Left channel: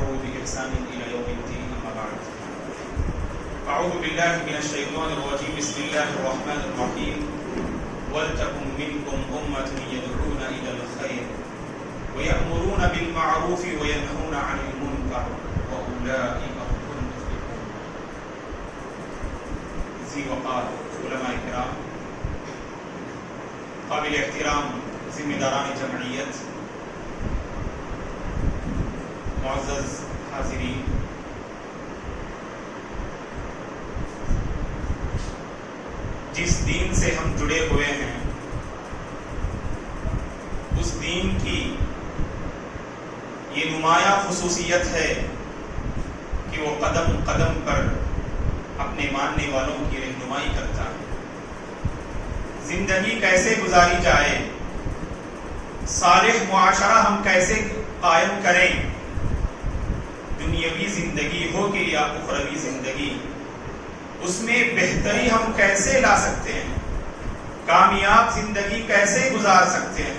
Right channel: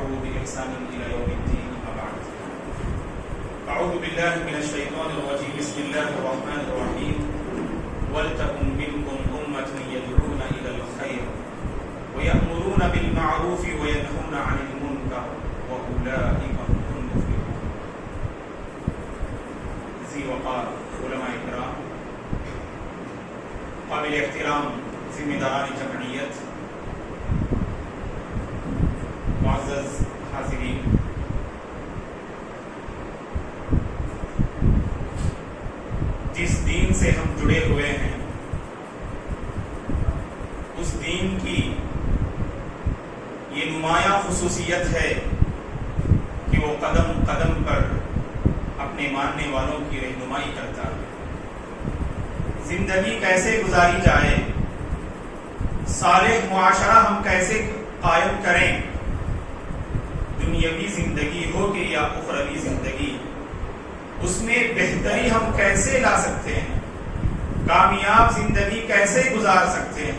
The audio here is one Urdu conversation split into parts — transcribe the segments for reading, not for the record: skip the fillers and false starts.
واتبعوه بإحسان إلى يوم الدين. أما بعد. أعوذ بالله من الشيطان الرجيم. بسم الله الرحمن الرحيم. ولتكن منكم أمة يدعون إلى الخير ويأمرون بالمعروف وينهون عن المنكر وأولئك هم المفلحون. ذی وقار علماء کرام، قابل احترام ذمہ داران جمعیت، معزز حاضرین، جس دین سے ہم جڑے ہوئے ہیں اس دین کی یہ نمایاں خصوصیت ہے کہ وہ قدم قدم پر اپنے ماننے والوں کی رہنمائی کرتا ہے. زندگی کیسے گزاری جائے، صالح معاشرہ ہم کیسے قائم کریں، دنیاوی زندگی ہو کہ یا اخروی زندگی، اس میں بہتری ہم کیسے لا سکتے ہیں، کامیاب زندگی کیسے گزار سکتے ہیں،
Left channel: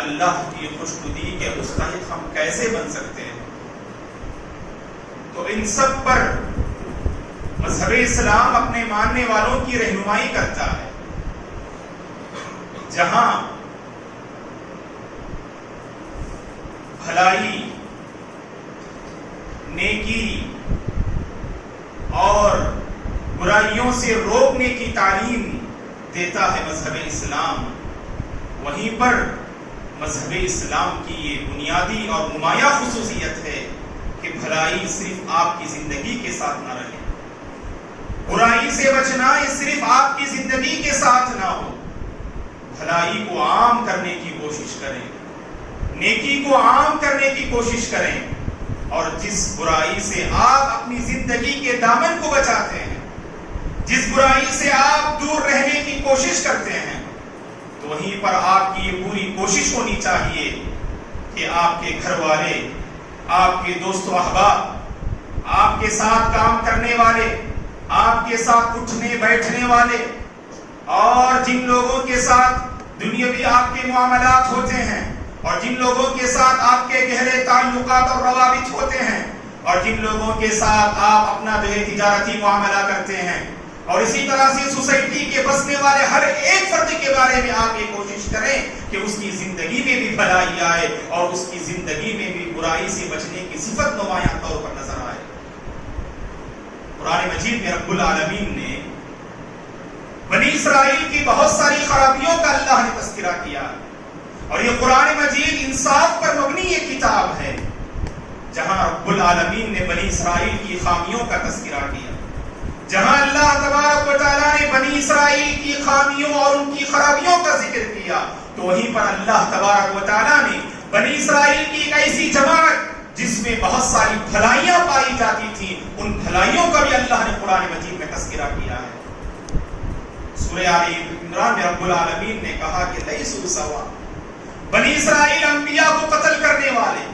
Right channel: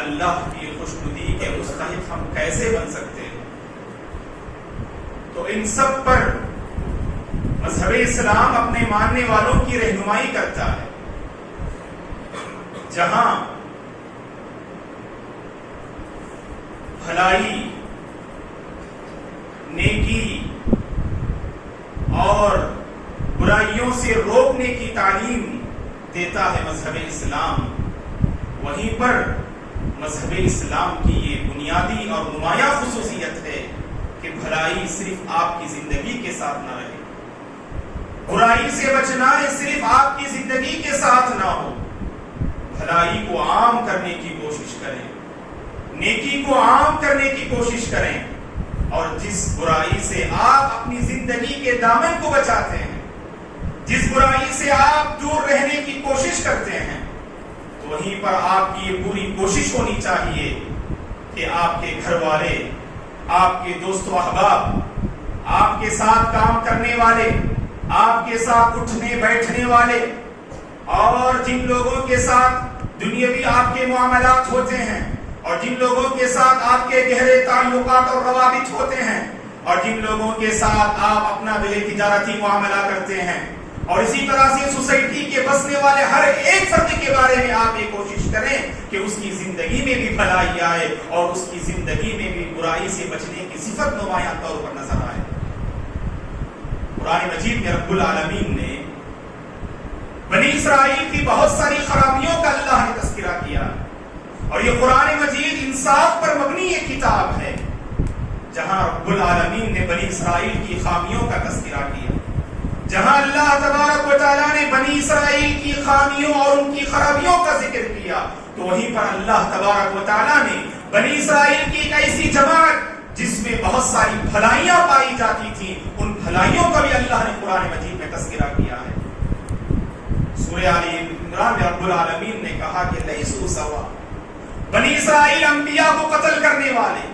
اللہ کی خوشنودی کے مستحق ہم کیسے بن سکتے ہیں. تو ان سب پر مذہب اسلام اپنے ماننے والوں کی رہنمائی کرتا ہے. جہاں بھلائی، نیکی اور برائیوں سے روکنے کی تعلیم دیتا ہے مذہب اسلام، وہیں پر مذہب اسلام کی یہ بنیادی اور نمایاں خصوصیت ہے کہ بھلائی صرف آپ کی زندگی کے ساتھ نہ رہے، برائی سے بچنا یہ صرف آپ کی زندگی کے ساتھ نہ ہو، بھلائی کو عام کرنے کی کوشش کریں، نیکی کو عام کرنے کی کوشش کریں، اور جس برائی سے آپ اپنی زندگی کے دامن کو بچاتے ہیں، جس برائی سے آپ دور رہنے کی کوشش کرتے ہیں، تو وہیں پر آپ کی یہ پوری کوشش ہونی چاہیے کہ آپ کے گھر والے، آپ کے دوست و احباب، آپ کے ساتھ کام کرنے والے، آپ کے ساتھ اٹھنے بیٹھنے والے، اور جن لوگوں کے ساتھ دنیاوی آپ کے معاملات ہوتے ہیں، اور جن لوگوں کے ساتھ آپ کے گہرے تعلقات اور روابط ہوتے ہیں، اور جن لوگوں کے ساتھ آپ اپنا تجارتی معاملہ کرتے ہیں، اور اسی طرح سے سوسائٹی کے بسنے والے ہر ایک فرد کے بارے میں آپ یہ کوشش کریں کہ اس کی زندگی میں بھی بھلائی آئے اور اس کی زندگی میں بھی برائی سے بچنے کی صفت نمایاں طور پر نظر آئے. قرآن مجید میں رب العالمین نے بنی اسرائیل کی بہت ساری خرابیوں کا اللہ نے تذکرہ کیا، اور یہ قرآن مجید انصاف پر مبنی یہ کتاب ہے جہاں رب العالمین نے بنی اسرائیل کی خامیوں کا تذکرہ کیا. جہاں اللہ تبارک و تعالیٰ نے بنی اسرائیل کی خامیوں اور ان کی خرابیوں کا ذکر کیا، تو وہیں پر اللہ تبارک و تعالیٰ نے بنی اسرائیل کی ایک ایسی جماعت جس میں بہت ساری بھلائیاں پائی جاتی تھی، ان بھلائیوں کا بھی اللہ نے قرآن مجید میں تذکرہ کیا ہے. سورہ آل عمران میں رب العالمین نے کہا کہ لیسوا سوا، بنی اسرائیل انبیاء کو قتل کرنے والے،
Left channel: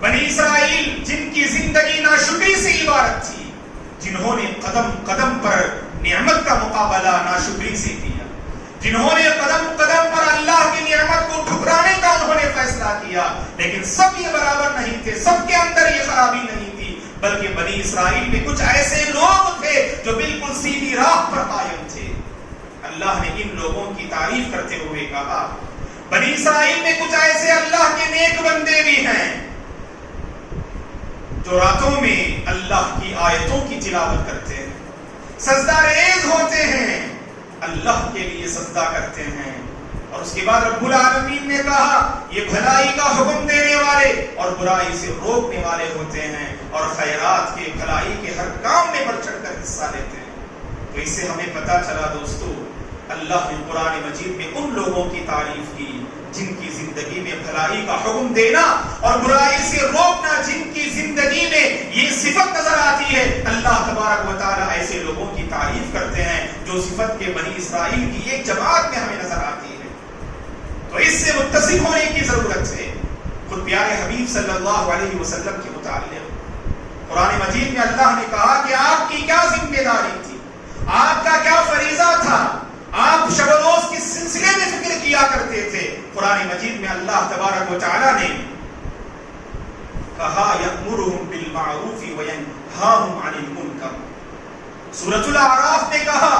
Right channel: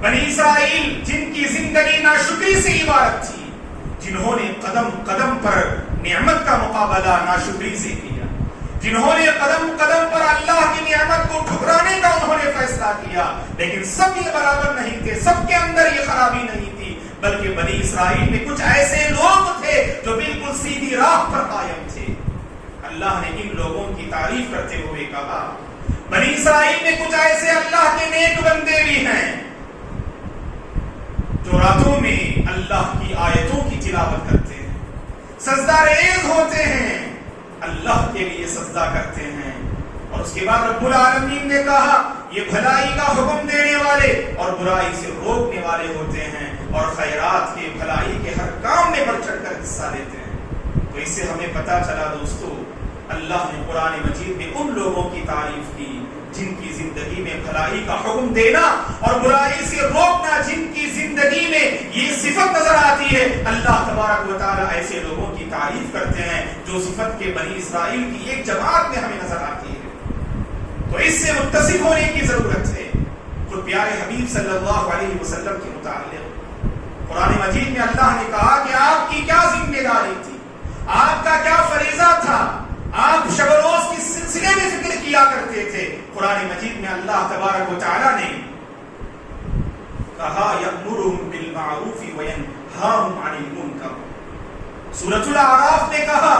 بنی اسرائیل جن کی زندگی ناشکری سے عبارت تھی، جنہوں نے قدم قدم پر نعمت کا مقابلہ ناشکری سے کیا، جنہوں نے قدم قدم پر اللہ کی نعمت کو ٹھکرانے کا انہوں نے فیصلہ کیا، لیکن سب یہ برابر نہیں تھے، سب کے اندر یہ خرابی نہیں تھی، بلکہ بنی اسرائیل میں کچھ ایسے لوگ تھے جو بالکل سیدھی راہ پر قائم تھے. اللہ نے ان لوگوں کی تعریف کرتے ہوئے کہا بنی اسرائیل میں کچھ ایسے اللہ کے نیک بندے بھی ہیں جو راتوں میں اللہ کی آیتوں کی تلاوت کرتے ہیں، سجدہ ریز ہوتے ہیں، اللہ کے لیے سجدہ کرتے ہیں. اور اس کے بعد رب العالمین نے کہا یہ بھلائی کا حکم دینے والے اور برائی سے روکنے والے ہوتے ہیں، اور خیرات کے بھلائی کے ہر کام میں بڑھ چڑھ کر حصہ لیتے ہیں. تو اس سے ہمیں پتہ چلا دوستو، اللہ نے قرآن مجید میں ان لوگوں کی تعریف کی جن کی زندگی میں بھلائی کا حکم دینا اور برائی سے روکنا، جن کی زندگی میں یہ صفت نظر آتی ہے. اللہ تبارک و تعالیٰ ایسے لوگوں کی تعریف کرتے ہیں جو صفت کے بنی اسرائیل کی ایک جماعت میں ہمیں نظر آتی ہے. تو اس سے متصف ہونے کی ضرورت ہے. خود پیارے حبیب صلی اللہ علیہ وسلم کے متعلق قرآن مجید میں اللہ نے کہا کہ آپ کی کیا ذمہ داری تھی، آپ کا کیا فریضہ تھا، آپ شب و روز کس سلسلے میں فکر کیا کرتے تھے. قرآن مجید میں اللہ تبارک و تعالیٰ نے کہا یأمرہم بالمعروف وینہاہم عن المنکر. سورۃ الاعراف میں کہا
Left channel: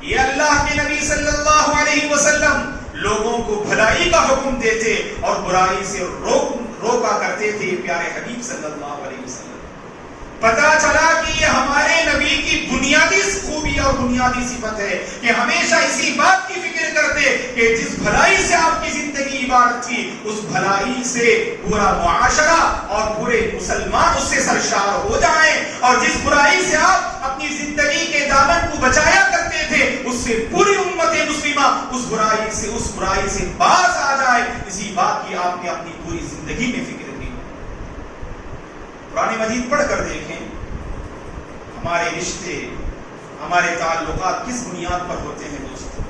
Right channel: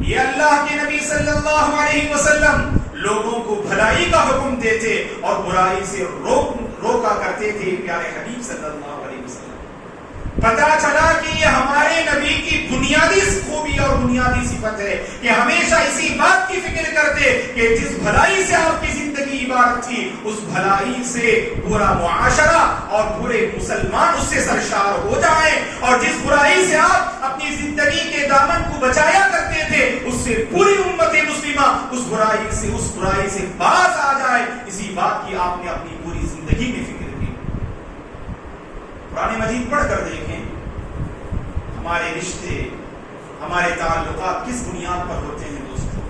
یہ اللہ کے نبی صلی اللہ علیہ وسلم لوگوں کو بھلائی کا حکم دیتے اور برائی سے روکا کرتے تھے. پیارے حبیب صلی اللہ علیہ وسلم پتا چلا کہ یہ ہمارے نبی کی بنیادی خوبی اور بنیادی صفت ہے کہ ہمیشہ اسی بات کی فکر کرتے کہ جس بھلائی سے آپ کی زندگی عبارت تھی اس بھلائی سے پورا معاشرہ اور پورے مسلمان اس سے سرشار ہو جائیں, اور جس برائی سے آپ اپنی زندگی کے دامن کو بچایا کرتے تھے اس سے پوری امت مسلمہ اس برائی سے باز آ جائے. اسی بات کی آپ نے اپنی پوری زندگی میں فکر کی. قرآن مجید پڑھ کر دیکھیں ہمارے رشتے, ہمارے تعلقات کس بنیاد پر ہوتے ہیں دوستو.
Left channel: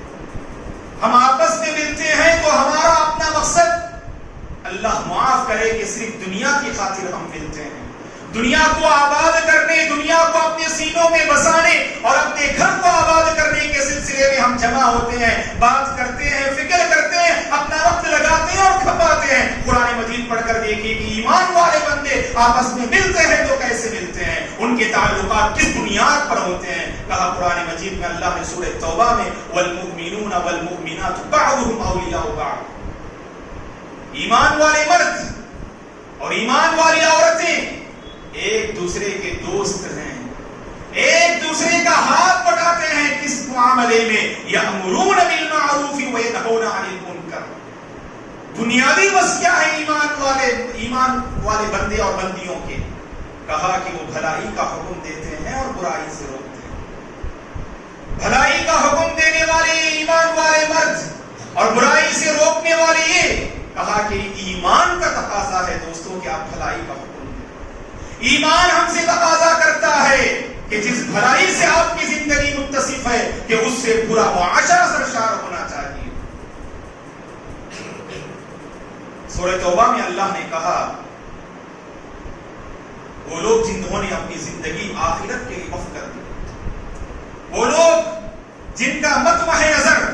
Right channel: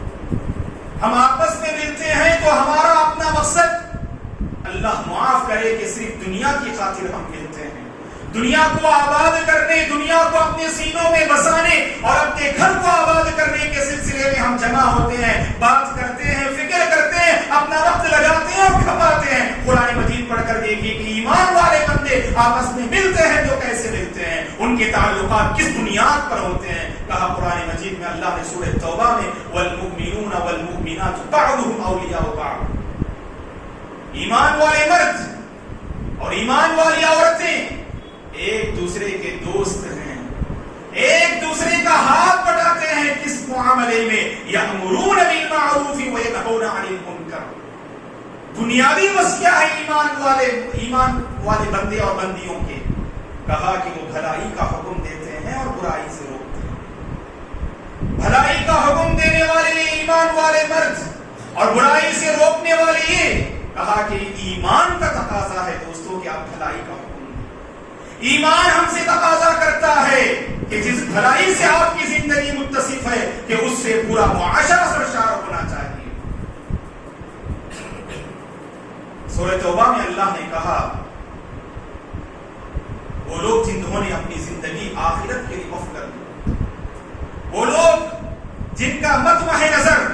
ہم آپس میں ملتے ہیں تو ہمارا اپنا مقصد اللہ معاف کرے کہ صرف دنیا کی خاطر ہم ملتے ہیں, دنیا کو آباد کرنے, دنیا کو اپنے سینوں میں بسانے اور اپنے گھر کو آباد کرنے کے سلسلے میں ہم جمع ہوتے ہیں, بات کرتے ہیں, فکر کرتے ہیں, اپنا وقت لگاتے ہیں اور کھپاتے ہیں. قرآن مجید پڑھ کر دیکھیے کہ ایمان والے بندے آپس میں ملتے ہیں تو کیسے ملتے ہیں, ان کے تعلقات کس بنیاد پر ہوتے ہیں. کہا قرآن مجید میں اللہ نے سورہ توبہ میں والمؤمنون والمؤمنات بعضهم اولیاء بعض, ایمان والے مرد اور ایمان والی عورتیں ایک دوسرے کے دوست ہیں, ایک دوسرے کا ہاتھ بٹاتے ہیں. کس معاملے میں؟ یأمرون بالمعروف وینہون عن المنکر. بنیادی وصیہ ہے ایمان والے بندے اور بندیوں کے. کہا کہ وہ بھلائی کا حکم دیتے ہیں اور برائی سے روکتے ہیں. بھلائی کا حکم دینے والے یہ ایمان والے مرد اور برائی سے روکنے والے یہ. کہا کہ ایمان کا تقاضا ہے دوستوں کہ آپ بھلائی کا حکم. ایمان ہم سے تقاضا کرتا ہے کہ جس بھلائی سے آپ کی زندگی متصف ہے کہ اس سے پورا معاشرہ سرشار ہونا چاہیے. سورہ توبہ میں اللہ نے کہا وہ لوگ جنہوں نے اپنی زندگی آخرت کے لیے وقف کر دی, وہ لوگ جن کا مطمع نظر,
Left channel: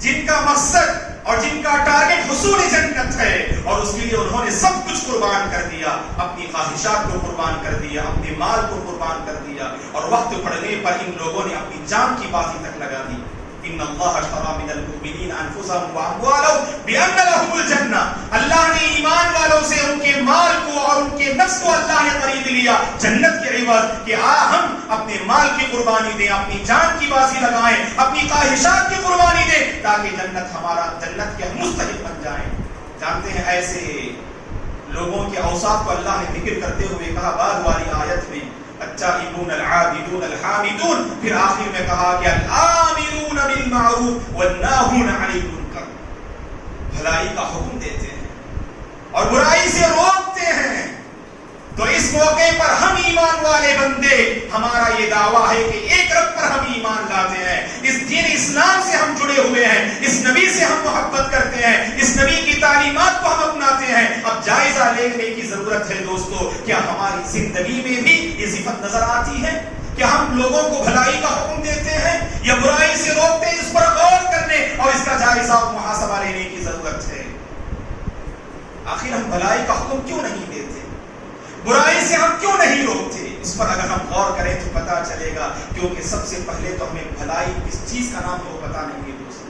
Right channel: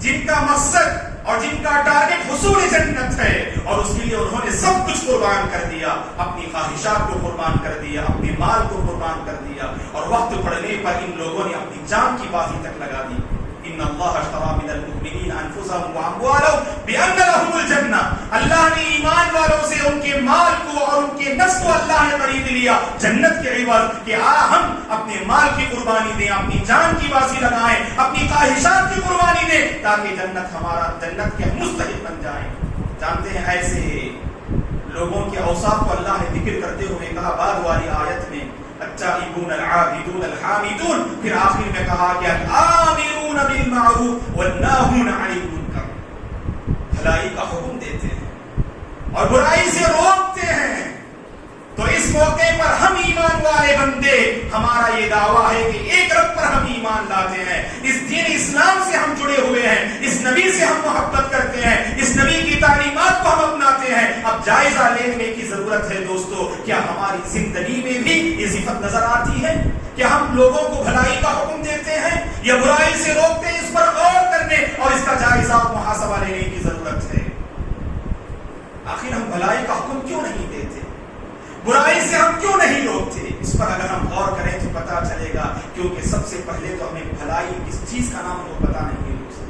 جن کا مقصد اور جن کا ٹارگٹ حصول جنت ہے اور اس کے لیے انہوں نے سب کچھ قربان کر دیا, اپنی خواہشات کو قربان کر دیا, اپنے مال کو قربان کر دیا, اور وقت پڑنے پر ان لوگوں نے اپنی جان کی بازی تک لگا دی. ان اللہ اشتری من المؤمنین انفسهم واموالهم بان لهم الجنہ. اللہ نے ایمان والوں سے ان کے مال کو اور ان کے نفس کو اللہ نے خرید لیا جنت کے عوض کہ ہم اپنے مال کی قربانی دیں, اپنی جان کی بازی لگائیں, اپنی خواہشات کی قربانی دیں تاکہ جنت کے مستحق بن جائیں. جانتے ہیں ایسے لوگوں کے اوصاف کو اللہ نے ذکر کرتے ہوئے کہا بعد والی آیت میں التائبون العابدون الحامدون, پھر آخر میں کہا کہ الآمرون بالمعروف والناہون عن المنکر. بھلائی کا حکم دیتے ہیں اور برائی سے روکتے ہیں. تو اس موقع پر ہم ایمان والے بندے, ہمارا یہ دعویٰ ہے کہ ایک رب پر ہم ایمان لاتے ہیں, اس دین اسلام سے ہم جڑے ہوئے ہیں, اس نبی سے ہم محبت کرتے ہیں, اس نبی کی تعلیمات کو ہم اپناتے ہیں. اب جائزہ لینے کی ضرورت ہے دوستو, کیا ہماری زندگی میں بھی یہ صفت نظر آتی ہے؟ کیا ہم لوگوں کو بھلائی کا حکم دیتے ہیں یا برائی سے روکتے ہیں؟ اس پر غور کرنے اور اس کا جائزہ محاسبہ لینے کی ضرورت ہے. آخر ہم بھلائی کا حکم کیوں نہیں دیتے, برائی سے ہم کیوں نہیں روکتے؟ اس پر اگر ہم غور کریں تو پتا چلے گا, کیونکہ سب سے پہلے تو ہمیں بھلائی کس چیز کا نام وہ پتا نہیں ہے دوستو.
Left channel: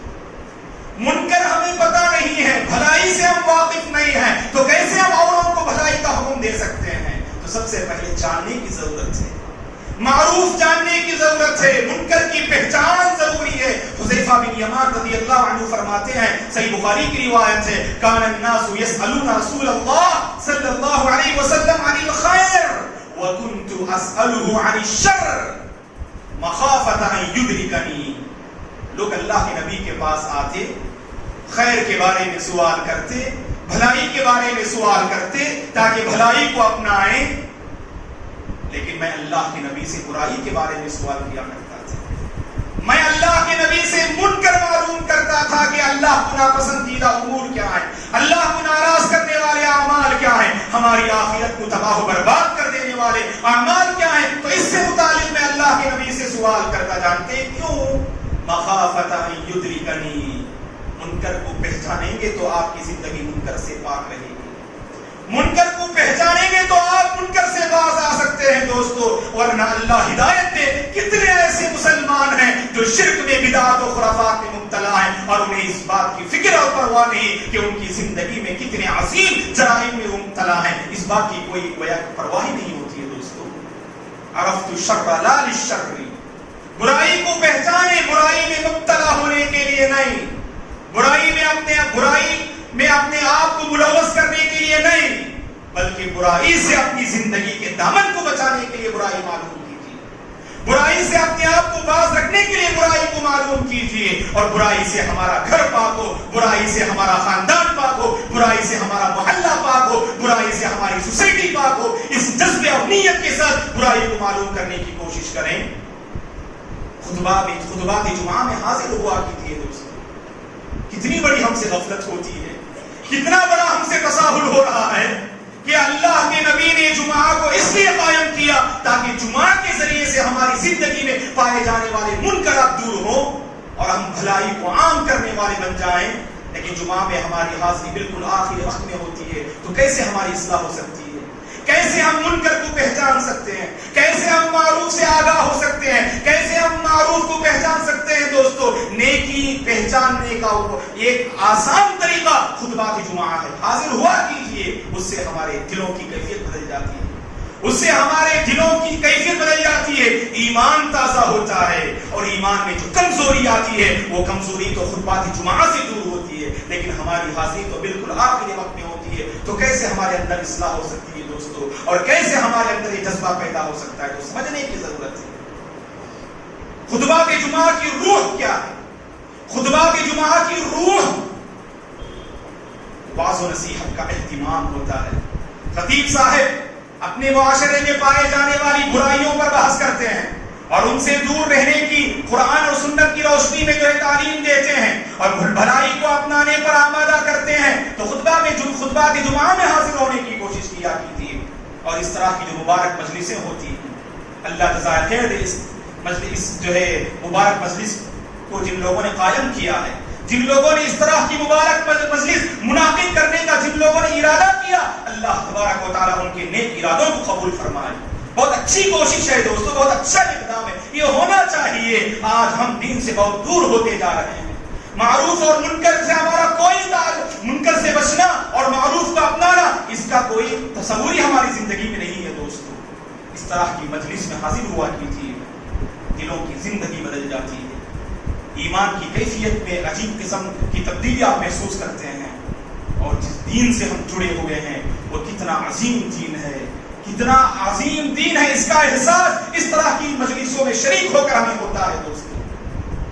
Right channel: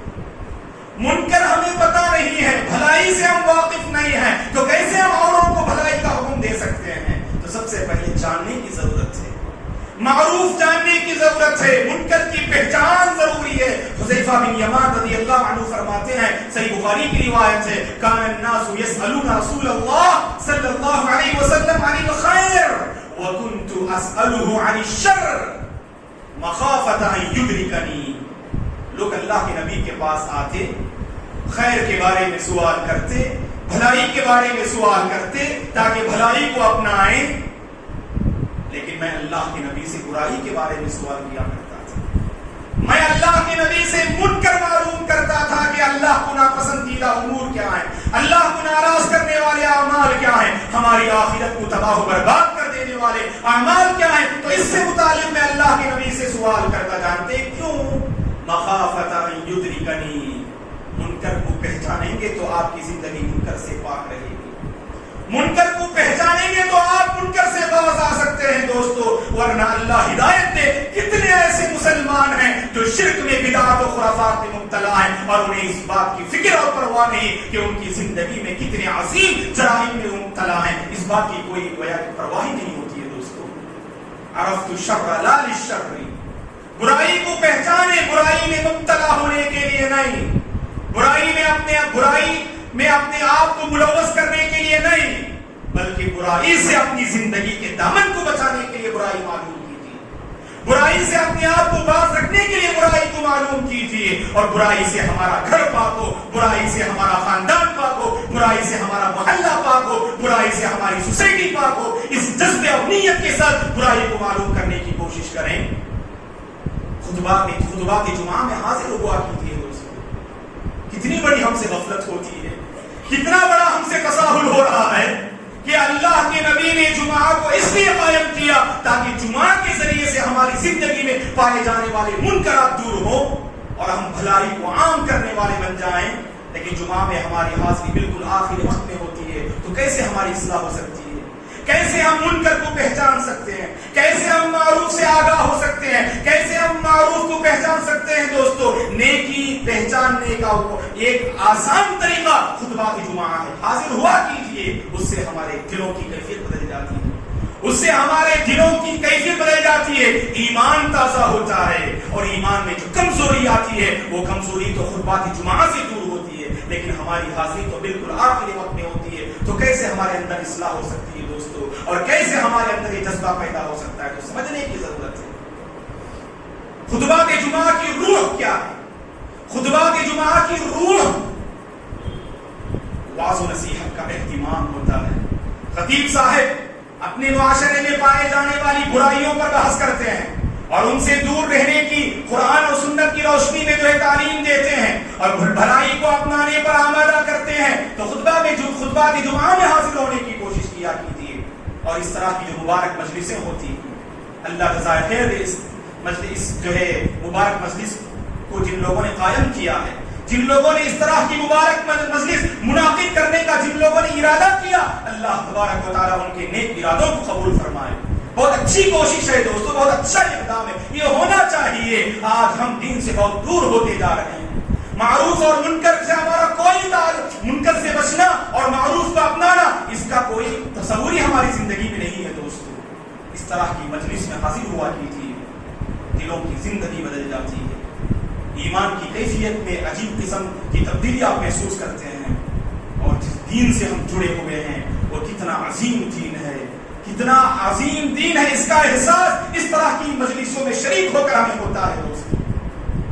منکر ہمیں پتا نہیں ہے, بھلائی سے ہم واقف نہیں ہیں, تو کیسے ہم اوروں کو بھلائی کا حکم دے سکتے ہیں؟ تو سب سے پہلے جاننے کی ضرورت ہے, معروف جاننے کی ضرورت ہے, منکر کی پہچان ضروری ہے. حذیفہ بن یمان رضی اللہ عنہ فرماتے ہیں, صحیح بخاری کی روایت ہے, کان الناس یسألون رسول اللہ صلی اللہ علیہ وسلم عن الخیر وکنت اسألہ عن الشر مخافۃ ان یدرکنی. لوگ اللہ کے نبی کے پاس آتے, خیر کے بارے میں سوال کرتے, بھلائی کے بارے میں سوال کرتے تاکہ بھلائی کو اپنائیں, لیکن میں اللہ کے نبی سے برائی کے بارے میں سوال کیا کرتا تھا. میں اللہ کے نبی سے منکر معلوم کرتا تھا کہ اللہ کو ناپسندیدہ امور کیا ہے, اللہ کو ناراض کرنے والے اعمال کیا ہیں, ہماری آخرت کو تباہ و برباد کر دینے والے اعمال کیا ہیں. تو اس سے متعلق میں اللہ کے نبی سے سوال کرتا. جانتے کیوں؟ مخافۃ ان یدرکنی. منکر کو پہچانیں گے تو آپ کی زندگی منکر سے پاک رہے گی. منکر کو پہچانیں گے تو آپ منکر سے باز آ سکتے ہیں دوستو، ورنہ اللہ ہدایت دے کتنے ایسے مسلمان ہیں جو شرک میں، بدعات و خرافات میں مبتلا ہیں، اور انہیں اس بات کی فکر اور پرواہ نہیں کہ ان کی زندگی میں کتنے عظیم جرائم میں مبتلا ہیں، اس بات کی کوئی پرواہ ہی نہیں ہوتی ہے دوستو۔ عرفت الشر لا للشر، برائی کو پہچانے، برائی میں مبتلا ہونے کے لیے نہیں، برائی میں اپنے آپ کو ملوث کرنے کے لیے نہیں، بلکہ برائی سے اپنی زندگی کے دامن کو بچانے کے لیے برائی معلوم کیجیے، برائی سے اپنے آپ کو باز رکھنے کے لیے برائی کو معلوم کیجیے، اور برائی سے ہمارا گھر پاک ہو، برائی سے ہمارا خاندان پاک ہو، برائی سے ہمارا محلہ پاک ہو، برائی سے ہماری سوسائٹی پاک ہو، اس جذبے اور نیت کے ساتھ برائی کو معلوم کرنے کی کوشش کریں۔ خطبات جمعہ میں حاضر ہوا کیجیے دوستو، کتنی بڑی ہم سے غفلت ہوتی ہے، کتنا بڑا ہم سے تساہل ہو رہا ہے کہ اللہ کے نبی نے جمعہ کو اس لیے قائم کیا تاکہ جمعہ کے ذریعے سے ہماری زندگی میں پائے جانے والے منکرات دور ہوں اور ہم بھلائی کو عام کرنے والے بن جائیں، لیکن جمعہ میں ہماری حاضری بالکل آخری وقت میں ہوتی ہے، تو کیسے ہماری اصلاح ہو سکتی ہے؟ کیسے ہم منکر کو پہچان سکتے ہیں؟ کیسے ہم معروف سے آگاہ ہو سکتے ہیں؟ کیسے ہم معروف کو پہچان سکتے ہیں دوستو؟ نیکی پہچاننے کا وہ ایک آسان طریقہ خطبات جمعہ ہے، حاضر ہوا کیجیے، اس سے ہمارے دلوں کی کیفیت بدل جاتی ہے، اس سے ہمارے دلوں کی کیفیت بدل جاتی ہے، ایمان تازہ ہوتا ہے، اور ایمان میں جو کمزوری آتی ہے وہ کمزوری تو خطبات جمعہ سے دور ہوتی ہے، لیکن ہماری حاضری تو بالکل آخری وقت میں ہوتی ہے، تو کیسے ہمارے اندر اصلاح ہو سکتی ہے دوستو، اور کیسے ہمارے اندر یہ جذبہ پیدا ہو سکتا ہے؟ تو سمجھنے کی ضرورت ہے خطبات جمعہ کی روح کیا ہے۔ خطبات جمعہ کی روح واعظ و نصیحت کا اہتمام ہوتا ہے۔ خطیب صاحب اپنے معاشرے میں پائے جانے والی برائیوں پر بحث کرتے ہیں اور ان سے دور رہنے کی قرآن اور سنت کی روشنی میں جو ہے تعلیم دیتے ہیں اور بھلائی کو اپنانے پر آمادہ کرتے ہیں، تو خطبات جمعہ میں حاضر ہونے کی کوشش کیا کیجیے، اور اس طرح کی جو مبارک مجلسیں ہوتی ہیں، اللہ جزائے خیر دے اس جو ہے مبارک مجلس کو جن لوگوں نے قائم کیا ہے، جن لوگوں نے اس طرح کی مبارک مجلس منعقد کرنے کا جن لوگوں نے ارادہ کیا، اللہ تبارک و تعالیٰ ان کے نیک ارادوں کو قبول فرمائے۔ بہت اچھی کوشش ہے دوستو، بہت اچھا اقدام ہے، یہ ہونا چاہیے۔ آج ہم دین سے بہت دور ہوتے جا رہے ہیں، معروف اور منکر سے ہمارا کوئی تعلق، منکر سے بچنا اور معروف کو اپنانا اس کا کوئی تصور ہی ہماری زندگی میں نہیں ہے دوستو۔ اس طرح کی مجلس میں حاضر ہوا کیجیے، دلوں کی زندگی بدل جاتی ہے، ایمان کی کیفیت میں عجیب قسم کی تبدیلی آپ محسوس کرتے ہیں، اور جس دین سے ہم جڑے ہوئے ہیں وہ کتنا عظیم دین ہے، کتنا عظیم دین ہے، اس کا احساس اس طرح کی مجلسوں میں شریک ہو کر ہمیں ہوتا ہے دوستو۔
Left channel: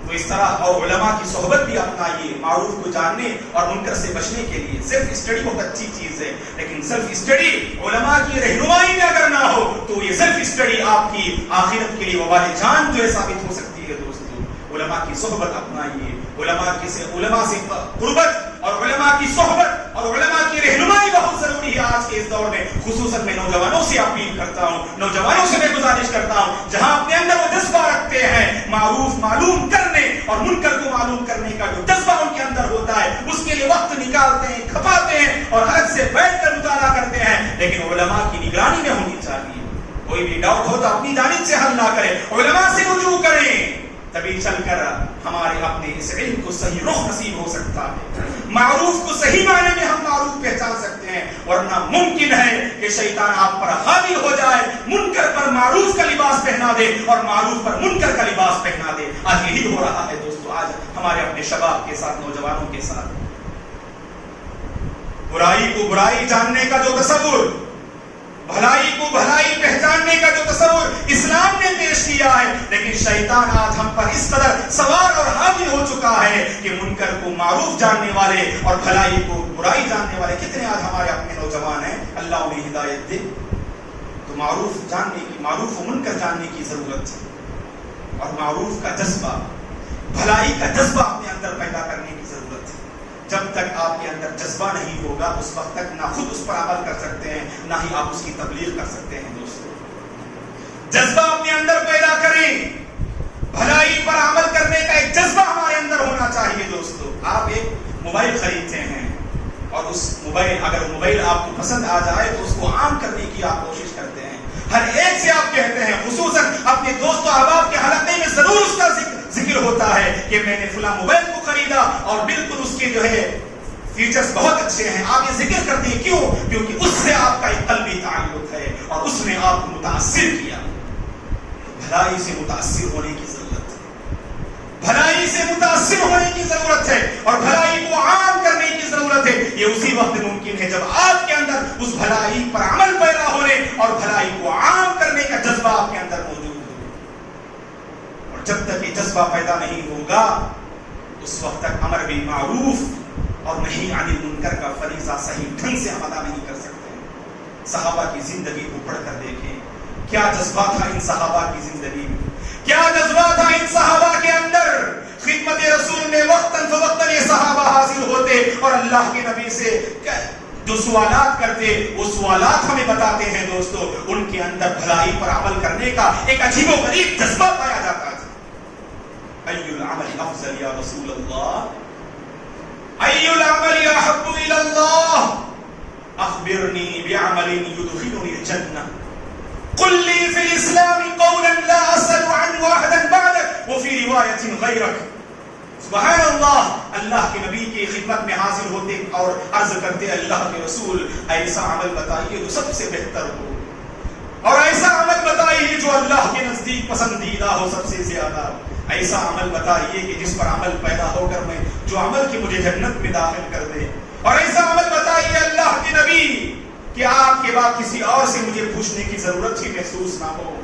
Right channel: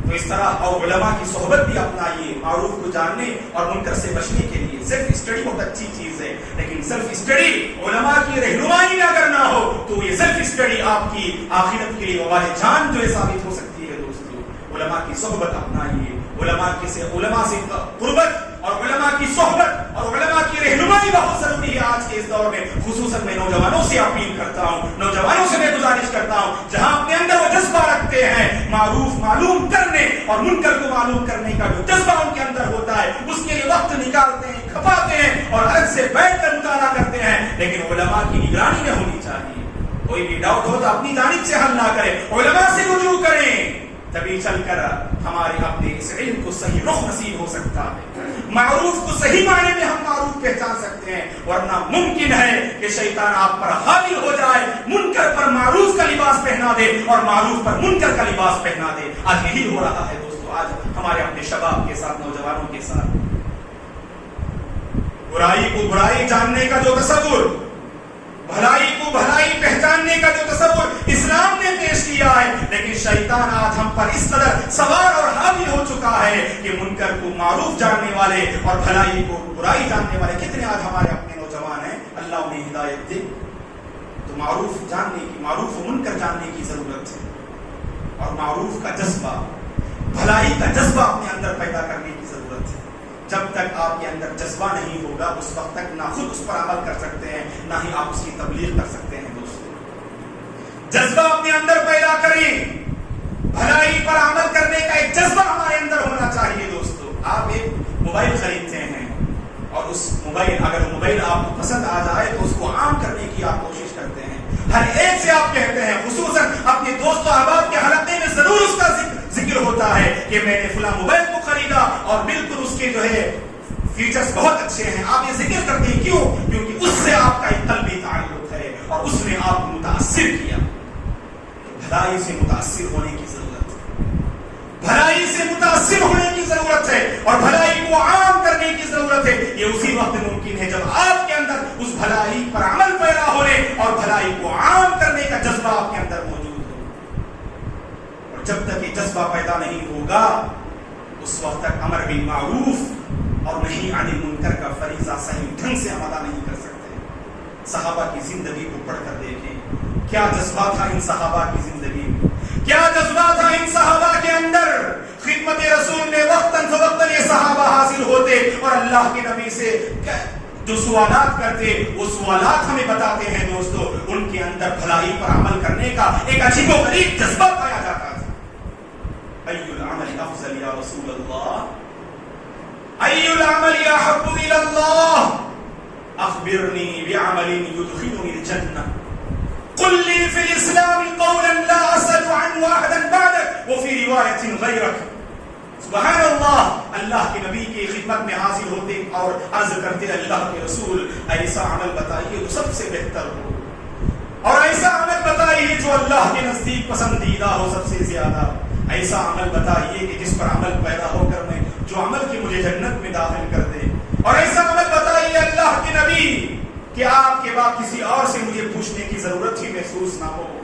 تو اس طرح اور علماء کی صحبت بھی اپنائیے، معروف کو جاننے اور منکر سے بچنے کے لیے۔ سیلف اسٹڈی بہت اچھی چیز ہے، لیکن سیلف اسٹڈی علماء کی رہنمائی میں اگر نہ ہو تو یہ سیلف اسٹڈی آپ کی آخرت کے لیے وبال جان جو ہے ثابت ہو سکتی ہے دوستو۔ علماء کی صحبت اپنائیے، علماء سے قربت اور علماء کی صحبت اور علماء کی رہنمائی بہت ضروری ہے آج کے اس دور میں۔ خصوصاً میں نوجوانوں سے اپیل کرتا ہوں، نوجوانوں سے میں گزارش کرتا ہوں، جہاں اپنے اندر وہ جذبہ رکھتے ہیں معروف معلوم کرنے اور منکر کو معلوم کرنے کا جو جذبہ ان کے اندر ہوتا ہے، اس کے لیے وقت نکالتے ہیں، کھپاتے ہیں اور الگ سے بیٹھ کر مطالعہ کرتے ہیں، لیکن علماء کی نگرانی میں ہونی چاہیے۔ کوئی بھی ڈاؤٹ ہو تو اپنی جانب سے حل نہ کریں، علماء سے رجوع کریں، تبھی چل کر ہمارے اپنے اس علم کو صحیح رخ نصیب ہو سکتا ہے، معروف کو صحیح معنی میں ہم معروف پہچان سکتے ہیں، ورنہ ممکن ہے کہ شیطان آپ پر حاوی ہو جائے، منکر پر معروف کا لباس پہنا دے اور معروف پر منکر کا لباس پہنا دے۔ آج یہی ہو رہا ہے دوستو، آج ہمارے اپنے شباب کے ساتھ، نوجوانوں کے ساتھ۔ برائی کو برائی جاننے کا جو تصور، بھلائی کو بھلائی پہچاننے کا جو تصور اسلام نے پیش کیا ہے، لیکن شیطان آج ہم پر اس قدر سوار اور حاوی ہو چکا ہے کہ منکر کو معروف جاننے والے اور بھلائی کو برائی جاننے والے کتنے آج ہمارے اپنے نوجوان ہیں، اللہ انہیں ہدایت دے۔ تو معروف جاننے کی، معروف و منکر جاننے کی ضرورت ہے، اور معروف کا جذبہ، بھلائی کا جذبہ اپنے اندر پیدا کرنے کی ضرورت ہے۔ جب تک آپ کے اندر جذبہ نہیں ہوگا اس وقت تک نہ خود اس پر عمل کر سکتے ہیں، نہ ہی آپ اس کی تبلیغ کر سکتے ہیں دوستو۔ جذبہ اپنے اندر پیدا کریں، بھلائی پر عمل کرنے کا ایک جذبہ ہمارے اندر ہونا چاہیے دوستو۔ آپ ایک موبائل خریدتے ہیں اور اس موبائل اگر موبائل آپ کو پسند آ جائے تو اس کو عام کرنے کی آپ کوشش کرتے ہیں. ہر ایک سے آپ کہتے ہیں, خصوصاً اپنے دوست و احباب کے حلقے میں ضرور اس کا ذکر ہوتا ہے کہ میں نے فلاں موبائل کو خریدا اور بالکل اس کے جو ہے فیچرز بہت اچھے ہیں. آپ یہ ذکر کرتے ہیں کیوں؟ کیونکہ اس سے آپ کا ایک قلبی تعلق ہے اور اس نے آپ کو متاثر کیا. بھلائی سے متاثر ہونے کی ضرورت ہے, بھلائی سے متاثر ہونے کی ضرورت ہے اور بھلائی کو عام کرنے کی ضرورت ہے. یہ اسی وقت ممکن ہے جب آپ کے اندر اس بھلائی پر عمل پیدا ہونے اور بھلائی کو عام کرنے کا جذبہ آپ کے اندر موجود ہو. اور جب تک یہ جذبہ پیدا نہیں ہوگا اس وقت تک امر بالمعروف اور نہیں عن المنکر کا فریضہ صحیح ڈھنگ سے ہم ادا نہیں کر سکتے. صحابہ کی زندگی کو پڑھ کر دیکھیں, کیا جذبہ تھا ان صحابہ کی زندگی میں, کیا جذبہ تھا ان صحابہ کے اندر. خدمت رسول میں وقتاً فوقتاً یہ صحابہ حاصل ہوتے اور اللہ کے نبی سے جو سوالات کرتے وہ سوالات ہمیں بتاتے ہیں دوستو, ان کے اندر بھلائی پر عمل کرنے کا ایک عجیب و غریب جذبہ پایا جاتا تھا. ای العمل افضل یا رسول اللہ, ای العمل احب الی اللہ, اخبرنی بعمل يدخلني الجنہ, قل لي في الاسلام قولا لا اسأل عنه احدا بعدك وفي روایت غیرک. سبحان اللہ, اللہ کے نبی کی خدمت میں حاضر ہوتے اور عرض کرتے اللہ کے رسول ایسا عمل بتائیے جو سب سے بہتر ہو, اور ایسا عمل بتائیے جو اللہ کے نزدیک پسندیدہ ہو سب سے زیادہ. ایسا عمل بتائیے کہ جس پر عمل پیدا ہو کر میں جو عمل کی مجھے جنت میں داخل کر دے. اور ایسا عمل بتائیے اللہ کے نبی کہ آپ کے بعد کسی اور سے مجھے پوچھنے کی ضرورت ہی محسوس نہ ہو.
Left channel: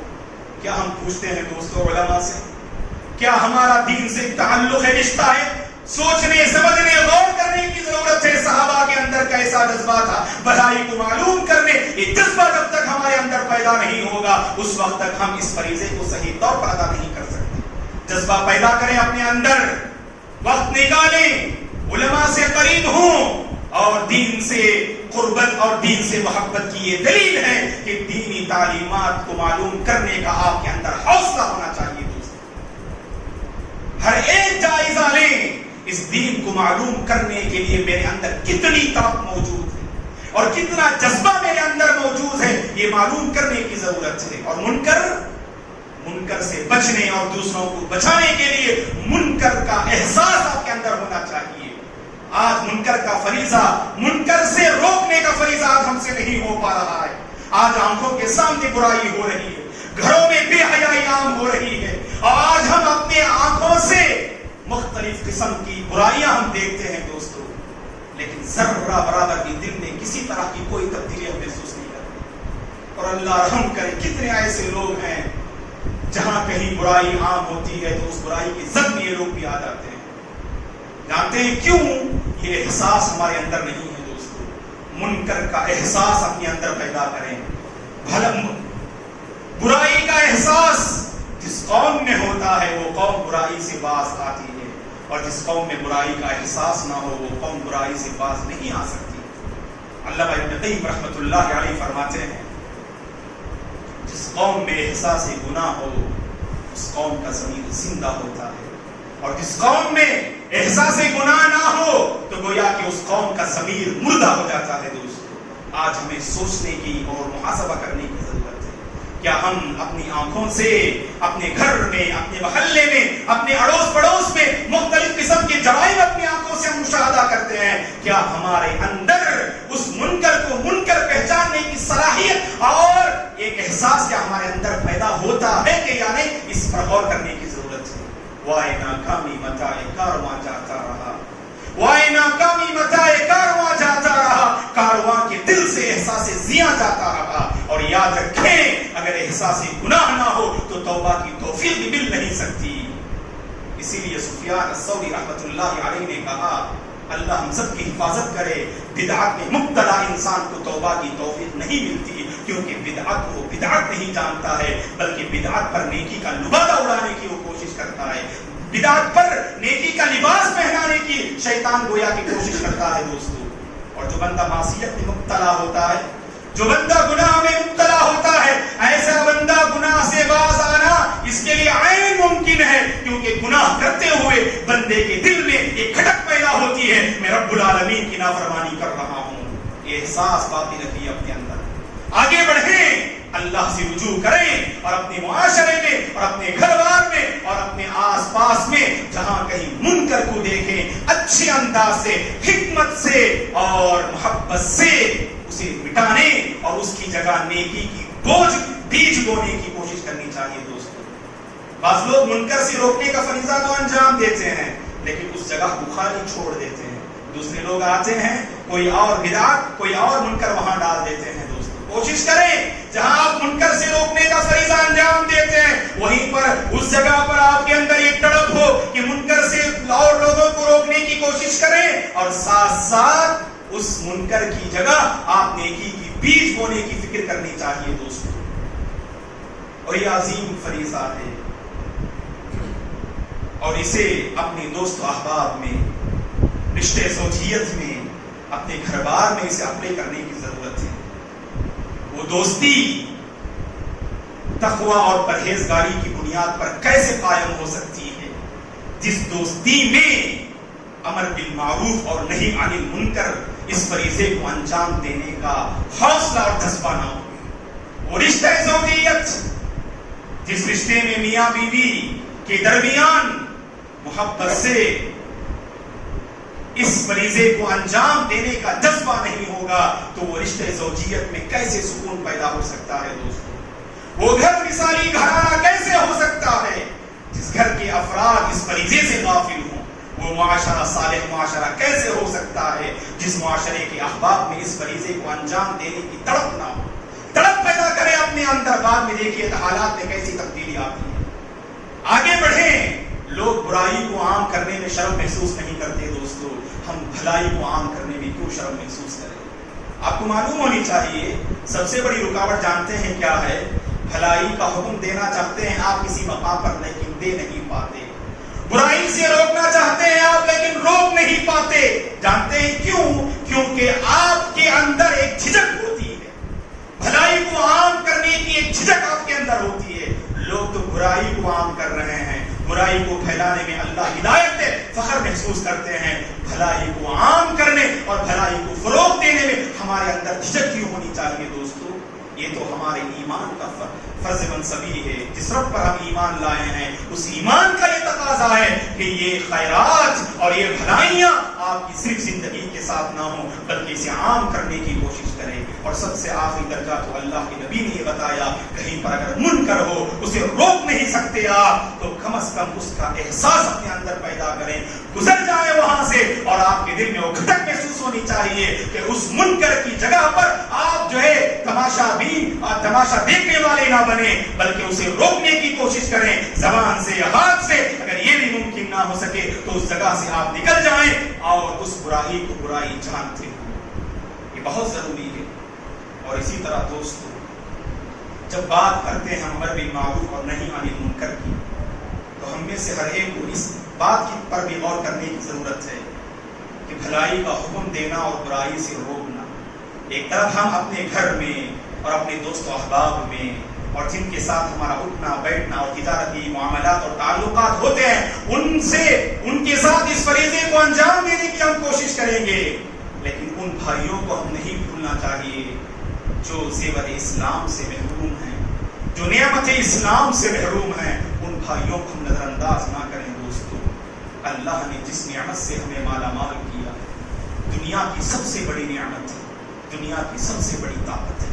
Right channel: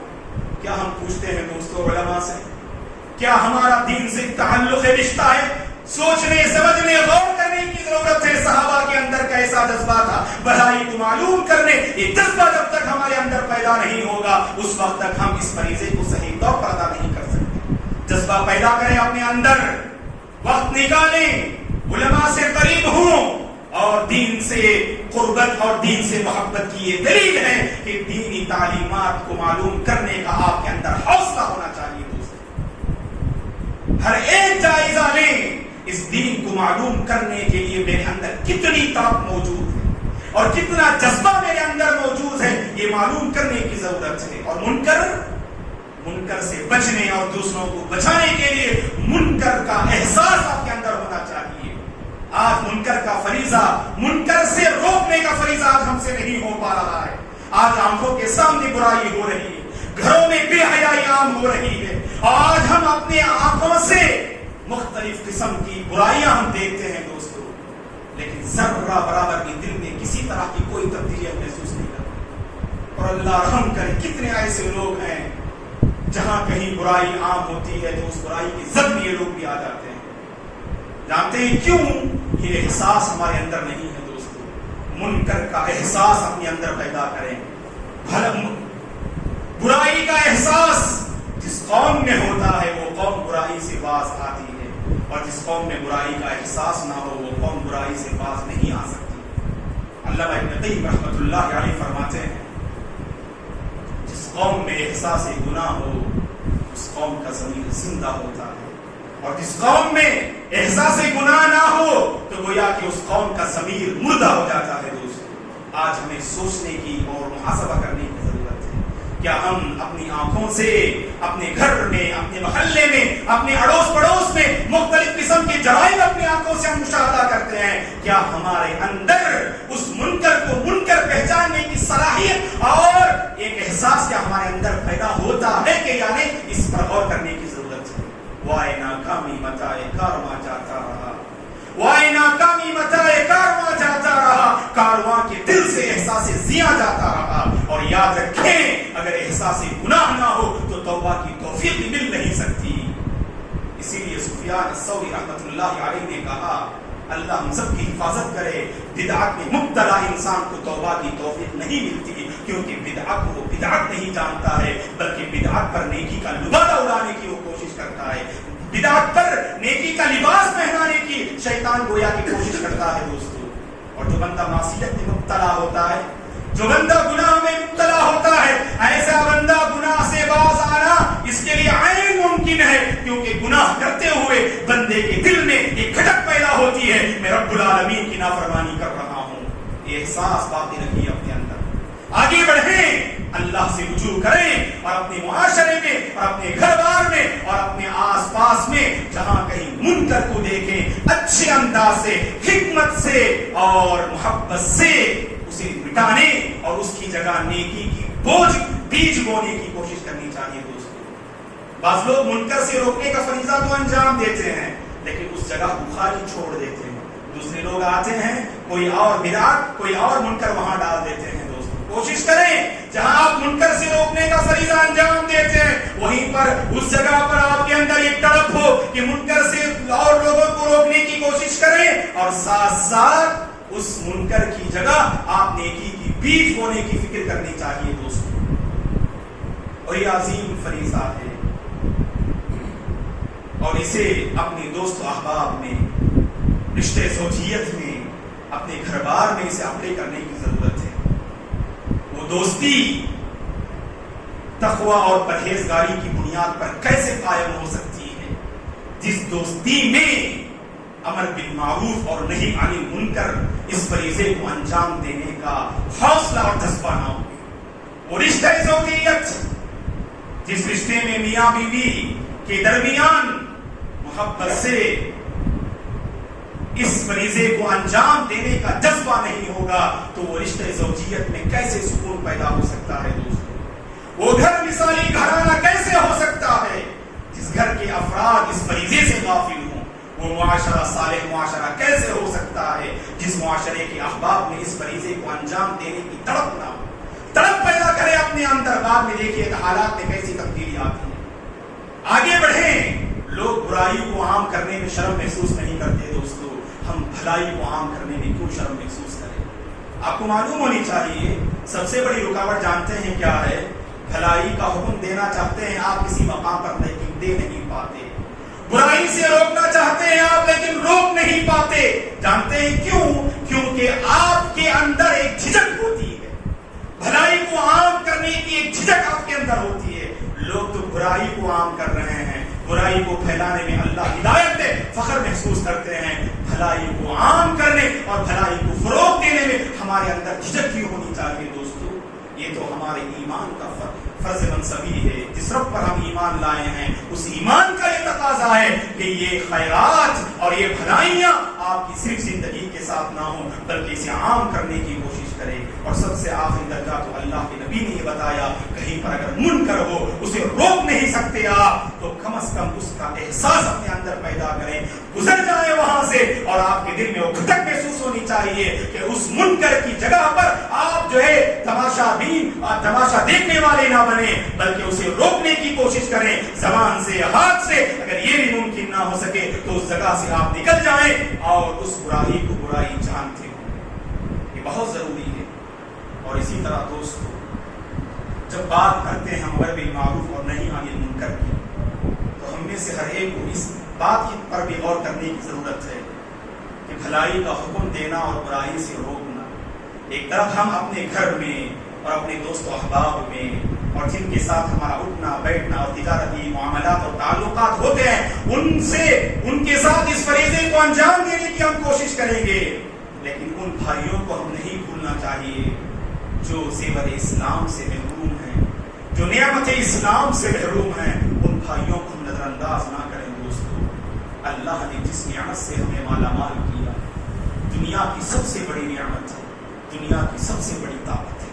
کیا ہم پوچھتے ہیں دوستوں علماء سے؟ کیا ہمارا دین سے تعلق رشتہ ہے؟ سوچنے سمجھنے غور کرنے کی ضرورت ہے. صحابہ کے اندر کیسا جذبہ تھا بھلائی کو معلوم کرنے. یہ جذبہ جب تک ہمارے اندر پیدا نہیں ہوگا اس وقت تک ہم اس فریضے کو صحیح طور پر ادا نہیں کر سکتے. جذبہ پیدا کریں اپنے اندر, وقت نکالیں, علماء سے قریب ہوں, اور دین سے قربت اور دین سے محبت کی یہ دلیل ہے کہ دینی تعلیمات کو معلوم کرنے کا آپ کے اندر حوصلہ ہونا چاہیے. دوستو ہر ایک جائزہ لیں, اس دین کو معلوم کرنے کے لیے میرے اندر کتنی طاقت موجود ہے اور کتنا جذبہ میرے اندر موجود ہے یہ معلوم کرنے کی ضرورت ہے. اور منکر سے بچنے اور دوسروں کو بچانے کے لیے منکر کا احساس آپ کے اندر ہونا چاہیے. آج منکر کا فریضہ, منکر سے روکنے کا فریضہ آج ہم سے نہیں ہو پا رہا ہے. آج آنکھوں کے سامنے برائی ہو رہی ہے, گھروں میں بے حیائی عام ہو رہی ہے, اور آج ہم اپنے آنکھوں سے مختلف قسم کی برائیاں ہم دیکھتے ہیں دوستو, لیکن ذرہ برابر بھی دل میں کسی طرح کی کوئی تبدیلی ہم محسوس نہیں کرتے. اور اللہ رحم کرے, کتنے ایسے لوگ ہیں جہاں کہیں برائی عام ہوتی ہے تو اس برائی کی زد میں یہ لوگ بھی آ جاتے ہیں. جانتے ہیں کیوں؟ یہ احساس ہمارے اندر نہیں ہے دوستو. منکر کا احساس اپنے اندر پیدا کریں. برائی کا احساس جس قوم میں ہوتا ہے وہ قوم برائی سے باز آتی ہے, اور جس قوم میں برائی کا احساس نہ ہو وہ قوم برائی سے باز نہیں آ سکتی. علامہ ابن قیم رحمۃ اللہ علیہ فرماتے ہیں جس قوم میں احساس گناہ ہو اس قوم کا ضمیر زندہ ہوتا ہے, اور جس قوم میں احساس گناہ نہ ہو تو گویا کہ اس قوم کا ضمیر مردہ ہو جاتا ہے. دوستو آج ہمیں سوچنے کی اور محاسبہ کرنے کی ضرورت ہے. کیا ہم اپنی آنکھوں سے اپنے گھر میں, اپنے محلے میں, اپنے اڑوس پڑوس میں مختلف قسم کے جرائم اپنی آنکھوں سے ہم مشاہدہ کرتے ہیں؟ کیا ہمارے اندر اس منکر کو منکر پہچاننے کی صلاحیت اور ایک احساس کیا ہمارے اندر پیدا ہوتا ہے کہ یعنی اس پر غور کرنے کی ضرورت ہے. وائے ناکامی متائے کارواں جاتا رہا, وائے ناکامی متائے کارواں جاتا رہا, کارواں کے دل سے احساس زیاں جاتا رہا. اور یاد رکھیں اگر احساس گناہ نہ ہو تو توبہ کی توفیق بھی مل نہیں سکتی. اسی لیے سفیان الثوری رحمۃ اللہ علیہ نے کہا اللہ ہم سب کی حفاظت کرے, بدعت میں مبتلا انسان کو توبہ کی توفیق نہیں ملتی, کیونکہ بدعت کو بدعت نہیں جانتا ہے بلکہ بدعت پر نیکی کا لبادہ اڑانے کی وہ کوشش کرتا ہے. بدعت پر نیکی کا لباس پہنانے کی شیطان گویا کی کوشش کرتا ہے دوستو. اور جو بندہ معصیت میں مبتلا ہوتا ہے, جو بندہ گناہ میں مبتلا ہوتا ہے, ایسا بندہ گناہ سے باز آنا اس کے لیے عین ممکن ہے, کیونکہ گناہ کرتے ہوئے بندے کے دل میں ایک کھٹک پیدا ہوتی ہے, میں رب العالمین کی نافرمانی کر رہا ہوں. یہ احساس باقی رکھیے اپنے اندر. آگے بڑھیں, اللہ سے رجوع کریں اور اپنے معاشرے میں اور اپنے گھر بار میں اور اپنے آس پاس میں جہاں کہیں منکر کو دیکھیں اچھے انداز سے, حکمت سے اور محبت سے اسے مٹانے اور اس کی جگہ نیکی کی بیج بونے کی کوشش کرنی چاہیے دوستو. بعض لوگ منکر سے روکنے کا فریضہ تو انجام دیتے ہیں لیکن اس جگہ کو خالی چھوڑ دیتے ہیں. دوسرے لوگ آتے ہیں, کوئی اور بدعت, کوئی اور منکر وہاں ڈال دیتے ہیں. کوشش کریں جہاں آپ منکر سے روکنے کا فریضہ انجام دیتے ہیں وہیں پر اس جگہ پر آپ کے اندر یہ تڑپ ہو کہ منکر سے اور لوگوں کو روکنے کی کوشش کریں اور ساتھ ساتھ اس منکر کی جگہ آپ نیکی کی بیج بونے کی فکر کرنی چاہیے دوستو. اور یہ عظیم فریضہ ہے اور اسے اپنے دوست و احباب میں, رشتے زوجیت میں, اپنے گھر بار میں اسے اپلائی کرنے کی ضرورت ہے. وہ دوستی تقوی اور پرہیزگاری کی بنیاد پر کیسے قائم ہو سکتی ہے جس دوستی میں امر بالمعروف اور نہی عن المنکر اس فریضے کو انجام دینے کا حوصلہ اور جذبہ نہ ہو. وہ رشتہ زوجیت جس رشتے میں میاں بیوی کے درمیان محبت سے اس فریضے کو انجام دینے کا جذبہ نہیں ہوگا تو وہ رشتے زوجیت میں کیسے سکون پیدا ہو سکتا ہے دوستو. وہ گھر مثالی گھرانہ کیسے ہو سکتا ہے جس گھر کے افراد اس فریضے سے غافل ہوں. وہ معاشرہ صالح معاشرہ کیسے ہو سکتا ہے جس معاشرے کے احباب میں اس فریضے کو انجام دینے کی تڑپ نہ ہو. تڑپ پیدا کرے اپنے اندر, بعد میں دیکھیے حالات میں کیسی تبدیلی آتی ہے. آگے بڑھیں. لوگ برائی کو عام کرنے میں شرم محسوس نہیں کرتے دوستو, ہم بھلائی کو عام کرنے میں کیوں شرم محسوس کریں. آپ کو معلوم ہونی چاہیے سب سے بڑی رکاوٹ جانتے ہیں کیا ہے؟ بھلائی کا حکم دینا چاہتے ہیں آپ کسی مقام پر لیکن دے نہیں پاتے. برائی سے روکنا چاہتے ہیں آپ لیکن روک نہیں پاتے. جانتے ہیں کیوں؟ کیونکہ آپ کے اندر ایک جھجک ہوتی ہے. بھلائی کو عام کرنے کی ایک جھجک آپ کے اندر ہوتی ہے. لوگ تو برائی کو عام کر رہے ہیں, برائی کو پھیلانے میں اللہ ہدایت دے فخر محسوس کرتے ہیں. بھلائی کو عام کرنے اور بھلائی کو فروغ دینے میں ہمارے اندر جھجک کیوں ہونی چاہیے دوستو؟ یہ تو ہمارے ایمان کا فرض منصبی ہے. جس رب پر ہم ایمان لائے ہیں اس ایمان کا یہ تقاضا ہے کہ یہ خیرات اور یہ بھلائیاں آپ کی صرف زندگی کے ساتھ نہ ہوں بلکہ اسے عام کرنے کی کوشش کریں. اور سب سے آخری درجہ تو اللہ کے نبی نے یہ بتایا, کہیں پر اگر منکر ہو اسے روک نہیں سکتے آپ تو کم از کم اس کا احساس اپنے اندر پیدا کریں, گزر جائے وہاں سے اور آپ کے دل میں وہ کھٹک محسوس ہونی چاہیے کہ اس منکر کی جگہ پر آپ جو ہے تماشا بین اور تماشا دیکھنے والے نہ بنے بلکہ اسے روکنے کی کوشش کریں زبان سے, ہاتھ سے. اگر یہ بھی ممکن نہ ہو سکے تو اس جگہ سے آپ نکل جائیں اور اس برائی کو برائی جانتے ہو. یہ بہت ضروری ہے. اور اسی طرح دوستو جب بات کرتے ہیں ہم امر بالمعروف اور نہی عن المنکر کی تو ہم میں سے ہر ایک کو اس بات کی پر بھی غور کرنے کی ضرورت ہے کہ بھلائی کا حکم دینا اور برائی سے روکنا. ایک طرف ہم اپنے گھر میں اور اپنے دوست و احباب میں اور جن کے ساتھ ہمارا اٹھنا بیٹھنا اور تجارتی معاملات اور تعلقات ہوتے ہیں ان کے ساتھ اس فریضے کو انجام دینے کی ہم کوشش کریں گے, لیکن ان بھائیوں کو ہم نہیں بھولنا چاہیے جو زیور اسلام سے محروم ہیں, جو نعمت اسلام سے محروم ہیں. ان بھائیوں کو ہم نظر انداز نہ کریں دوستو. اللہ نے جس نعمت سے ہمیں مالا مال کیا, دنیا کی سب سے بڑی نعمت ہے, دنیا کی سب سے بڑی طاقت ہے,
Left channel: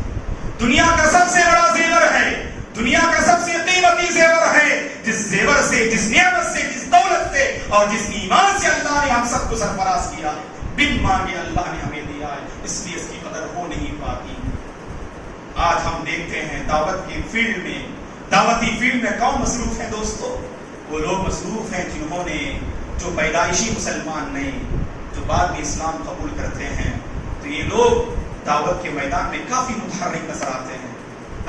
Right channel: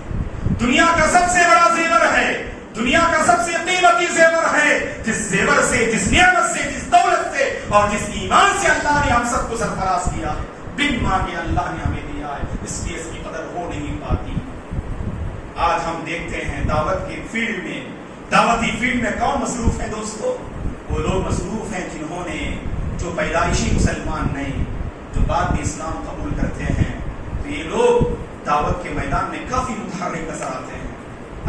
دنیا کا سب سے بڑا زیور ہے, دنیا کا سب سے قیمتی زیور ہے. جس زیور سے, جس نعمت سے, جس دولت سے اور جس ایمان سے اللہ نے ہم سب کو سرفراز کیا ہے, بن مانگے اللہ نے ہمیں دیا ہے, اس لیے اس کی قدر ہو نہیں پاتی. آج ہم دیکھتے ہیں دعوت کی فیلڈ میں, دعوتی فیلڈ میں کون مصروف ہیں دوستو؟ وہ لوگ مصروف ہیں جنہوں نے, جو پیدائشی مسلمان نہیں, جو بعد میں اسلام قبول کرتے ہیں. تو یہ لوگ دعوت کے میدان میں کافی متحرک نظر آتے ہیں.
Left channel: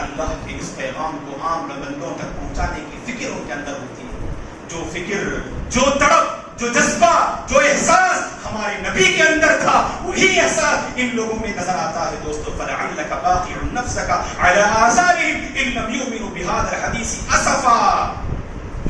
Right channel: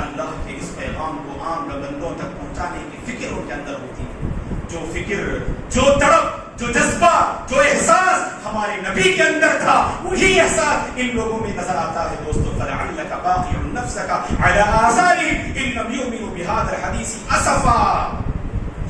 اللہ کے اس پیغام کو عام بندوں تک پہنچانے کی فکر ان کے اندر ہوتی ہے. جو فکر, جو تڑپ, جو جذبہ, جو احساس ہمارے نبی کے اندر تھا وہی احساس ان لوگوں میں نظر آتا ہے دوستو. فَلَعَلَّكَ بَاخِعٌ نَفْسَكَ عَلَىٰ آثَارِهِمْ إِن لَّمْ يُؤْمِنُوا بِهَٰذَا الْحَدِيثِ أَسَفًا.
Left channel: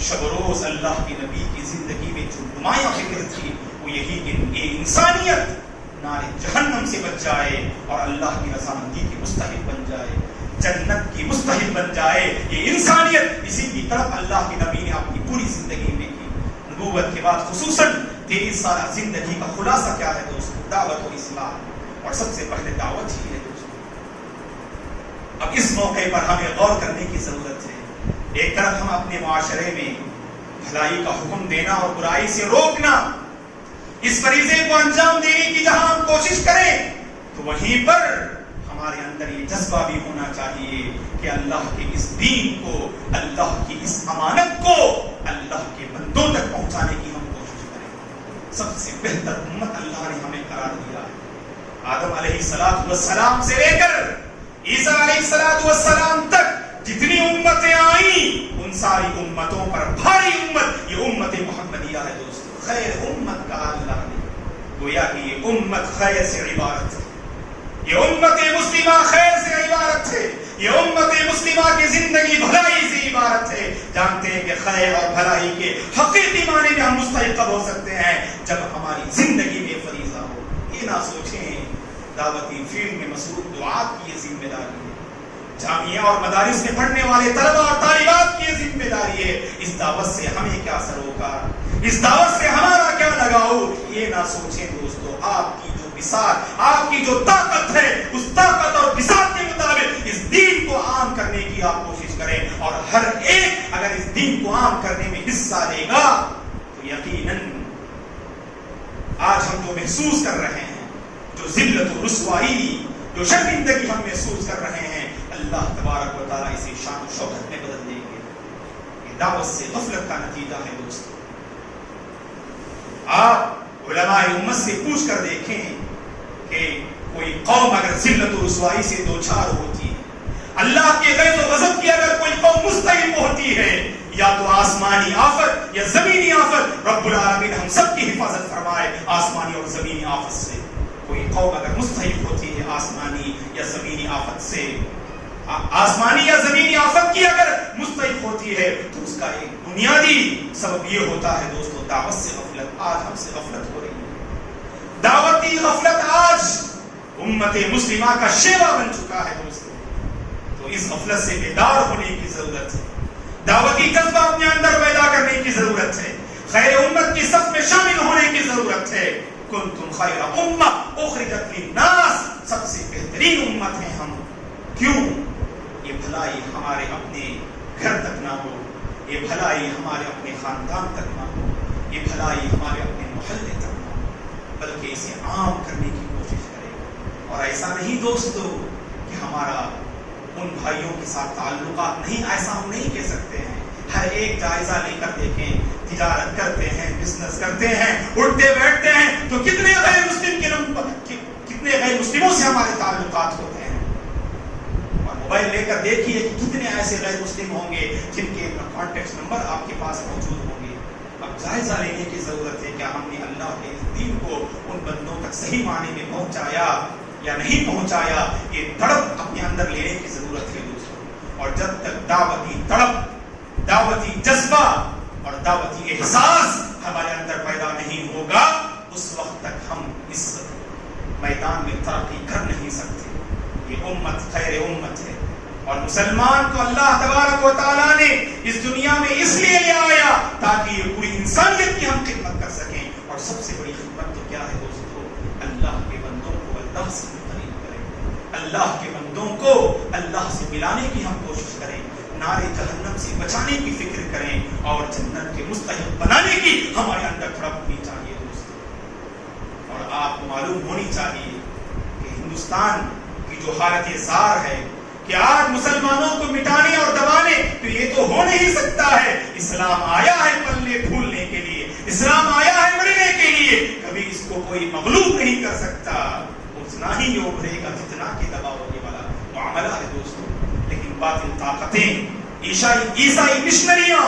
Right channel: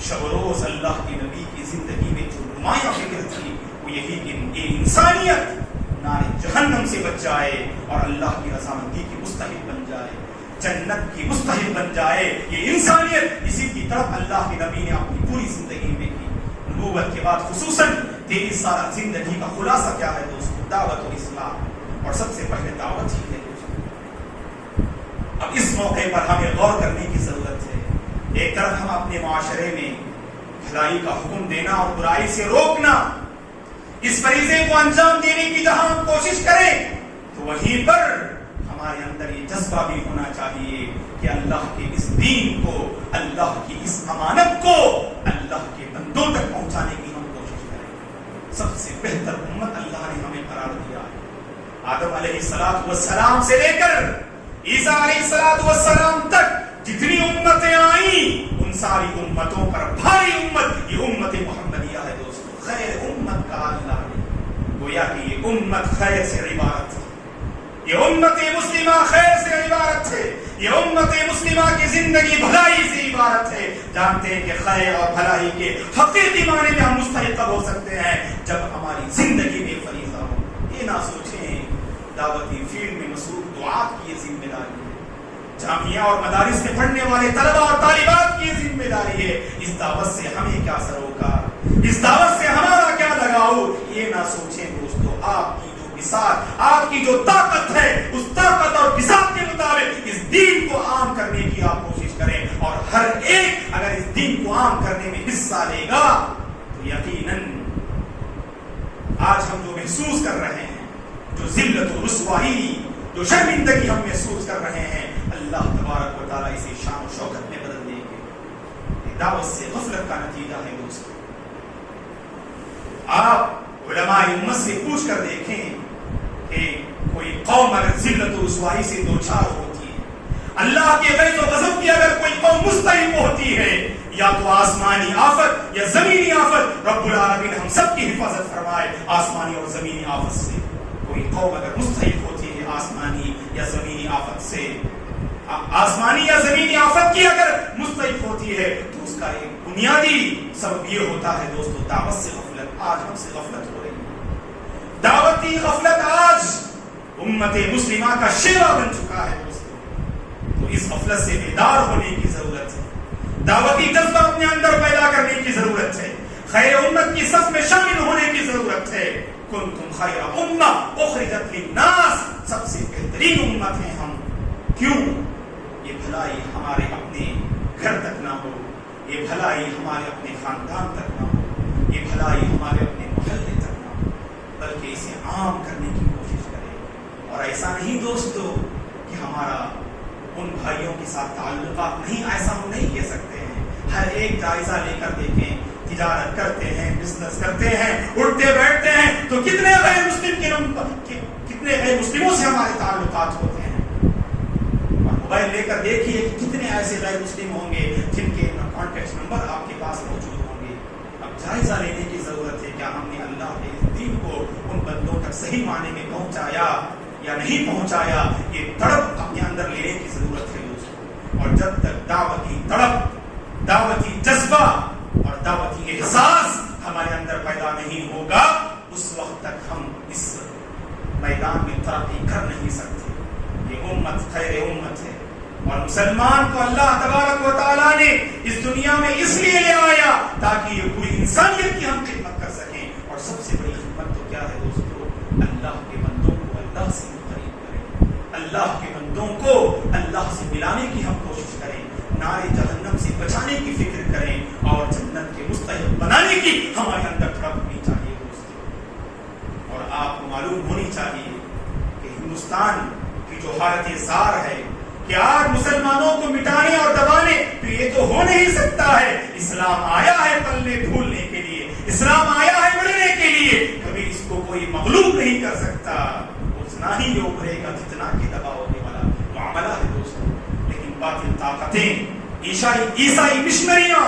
شب و روز اللہ کے نبی کی زندگی میں جو نمایاں فکر تھی وہ یہی کہ انسانیت نار جہنم سے بچ جائے اور اللہ کی رضامندی کی مستحق بن جائے، جنت کی مستحق بن جائے۔ یہ انسانیت، اسی کی طرف اللہ کے نبی نے اپنی پوری زندگی میں کی۔ نبوت کے بعد خصوصاً 23 سالہ زندگی کا خلاصہ کیا ہے دوستو؟ دعوت و اسلام، اور سب سے پہلے دعوت ہی ہے دوستو۔ اب اس موقع پر ہمیں غور کرنے کی ضرورت ہے۔ ایک طرف ہم اپنے معاشرے میں بھلائی کا حکم دینا اور برائی سے روکنا، اس فریضے کو انجام دینے کی جہاں ہم کوشش کریں، تو وہیں پر ہمارے اندر یہ جذبہ بھی ہونا چاہیے کہ اللہ کے اس دین کو، اللہ کی اس امانت کو اللہ کے بندوں تک پہنچانے کی ہم کوشش کریں۔ سب سے بہتر امت اللہ نے ہمیں قرار دیا۔ آدم علیہ السلام سے لے کر عیسیٰ علیہ السلام تک جتنی امتیں آئیں، ان ساری امتوں پر بھاری امت یہ امت محمدیہ ہے دوستو۔ خیر امت کہا اللہ نے، گویا کہ یہ امت خیر سے عبارت ہے، یہ امت مسلمہ خیر سے عبارت ہے، یہ امت مسلمہ کی زندگی بھلائی سے عبارت ہے۔ جانتے ہیں کہ خیر اور بھلائی کے حقیقی معنی میں ہم مستحق ہو سکتے ہیں جب ہماری زندگی میں فریضہ ہو۔ یہ نہ سوچیں دعوتی فیلڈ میں مصروف دعات کی یہ ذمہ داری ہے، جامعہ اور مدارس میں پڑھنے والے طلبہ اور طالبات کی یہ ذمہ داری ہے۔ اس دعوت سے ہمیں کیا سروکار، اس دعوت سے ہمارا کیا لگاؤ، یہ نہ سوچیں دوستو۔ آپ کی جو مثال، آپ کی جو طاقت ہے، اس طاقت اور مثال کے مطابق اس دین کو عام کرنے کی آپ کوشش کریں، اور ہر ایک اگر اس دین کو عام کرنے میں حصہ لے گا تو یقیناً آج ہم جو محسوس کر رہے ہیں، جو ذلت و رسوائی، جو شرمندگی ہم محسوس کر رہے ہیں، اللہ تبارک و تعالیٰ اسے شان و شوکت میں بدل دیں گے۔ یہ دعوت سے غفلت کا نتیجہ ہے دوستو۔ آپ علماء امت سے پوچھ کر دیکھیں کہ کوئی قوم اگر ذلت و رسوائی سے دوچار ہوتی ہے، اللہ کے غیظ و غضب کی اگر کوئی قوم مستحق ہوتی ہے، یا تو آسمانی آفت یا زمینی آفت، رب العالمین ہم سب کی حفاظت فرمائے آسمانی اور زمینی آفت سے۔ کوئی قوم اگر مستحق ہوتی ہے آسمانی یا زمینی آفت سے، آسمانی یا زمینی آفت کی اگر مستحق ہوتی ہے، تو اس کا ایک بنیادی سبب یہ ہوتا ہے دوستو دعوت سے غفلت۔ آج ہم سے غفلت ہو رہی ہے، دعوتی غفلت آج امت مسلمہ کا شیوا بن چکا ہے دوستو۔ تو اس غفلت سے بیدار ہونے کی ضرورت ہے، دعوتی جذبہ اپنے اندر پیدا کرنے کی ضرورت ہے، خیر امت کی صف میں شامل ہونے کی ضرورت ہے۔ کنتم خیر امہ اخرجت للناس، سب سے بہترین امت ہیں ہم۔ کیوں؟ یہ بھلائی ہمارے اپنے گھر تک نہ ہو، یہ بھلائی ہمارے اپنے خاندان تک نہ ہو، یہ بھلائی ہمارے اپنے محلے تک نہ ہو، بلکہ اسے عام کرنے کی کوشش کریں۔ اور ایسا نہیں دوستو کہ ہمارا ان بھائیوں کے ساتھ تعلقات نہیں، ایسا ہم نہیں کہہ سکتے ہیں۔ ہر ایک جائزہ لے کر دیکھیں، تجارت کرتے ہیں، بزنس کرتے ہیں، اٹھتے بیٹھتے ہیں، تو کتنے غیر مسلموں سے ہمارے تعلقات ہوتے ہیں۔ اور موبائل لے کر دیکھیے کہ کتنے ایسے غیر مسلم ہوں گے جن کے کانٹیکٹ نمبر آپ کے پاس موجود ہوں گے۔ اب جائزہ لینے کی ضرورت ہے، کیا ہم نے اللہ کے دین کو ان بندوں تک صحیح معنی میں پہنچایا یا نہیں پہنچایا؟ یہ تڑپ اپنے اندر لینے کی ضرورت ہے دوستو۔ اور جب تک دعوتی تڑپ، دعوتی جذبہ اور دعوتی احساس ہمارے اندر پیدا نہیں ہوگا، اس وقت تک ہم اس میدان میں ترقی کر نہیں سکتے۔ یہ امت خیر امت ہے، اور مسلمان کو اللہ تبارک و تعالیٰ نے اس دنیا میں اس لیے لے آیا تاکہ یہ پوری انسانیت کی ہم خدمت کر سکیں۔ اور سب سے بڑی خدمت تو کیا ہے دوستو؟ اللہ کے بندوں کو اللہ سے قریب کریں، اللہ کے بندوں کو اللہ سے ملانے کی ہم کوشش کریں، نارے جہنم سے بچانے کی فکر کریں، اور جنت کے مستحق بنانے کی ہمارے اندر تڑپ ہونی چاہیے دوستو۔ اور آپ کو معلوم ہونی چاہیے کہ ہندوستان کی جو حالت زار ہے کہ آج مسلمانوں کو مٹانے اور دبانے، تو یہ تو ہو نہیں سکتا ہے۔ اسلام آیا ہے پلنے پھولنے کے لیے، اسلام آیا ہے بڑھنے کے لیے، کبھی اس کو کوئی مغلوب نہیں کر سکتا، اتنا ہی ابھرے گا جتنا کہ دبا ہونے والا معاملہ ہے دوستو۔ لیکن باطل طاقتیں، عیسائی مشنریاں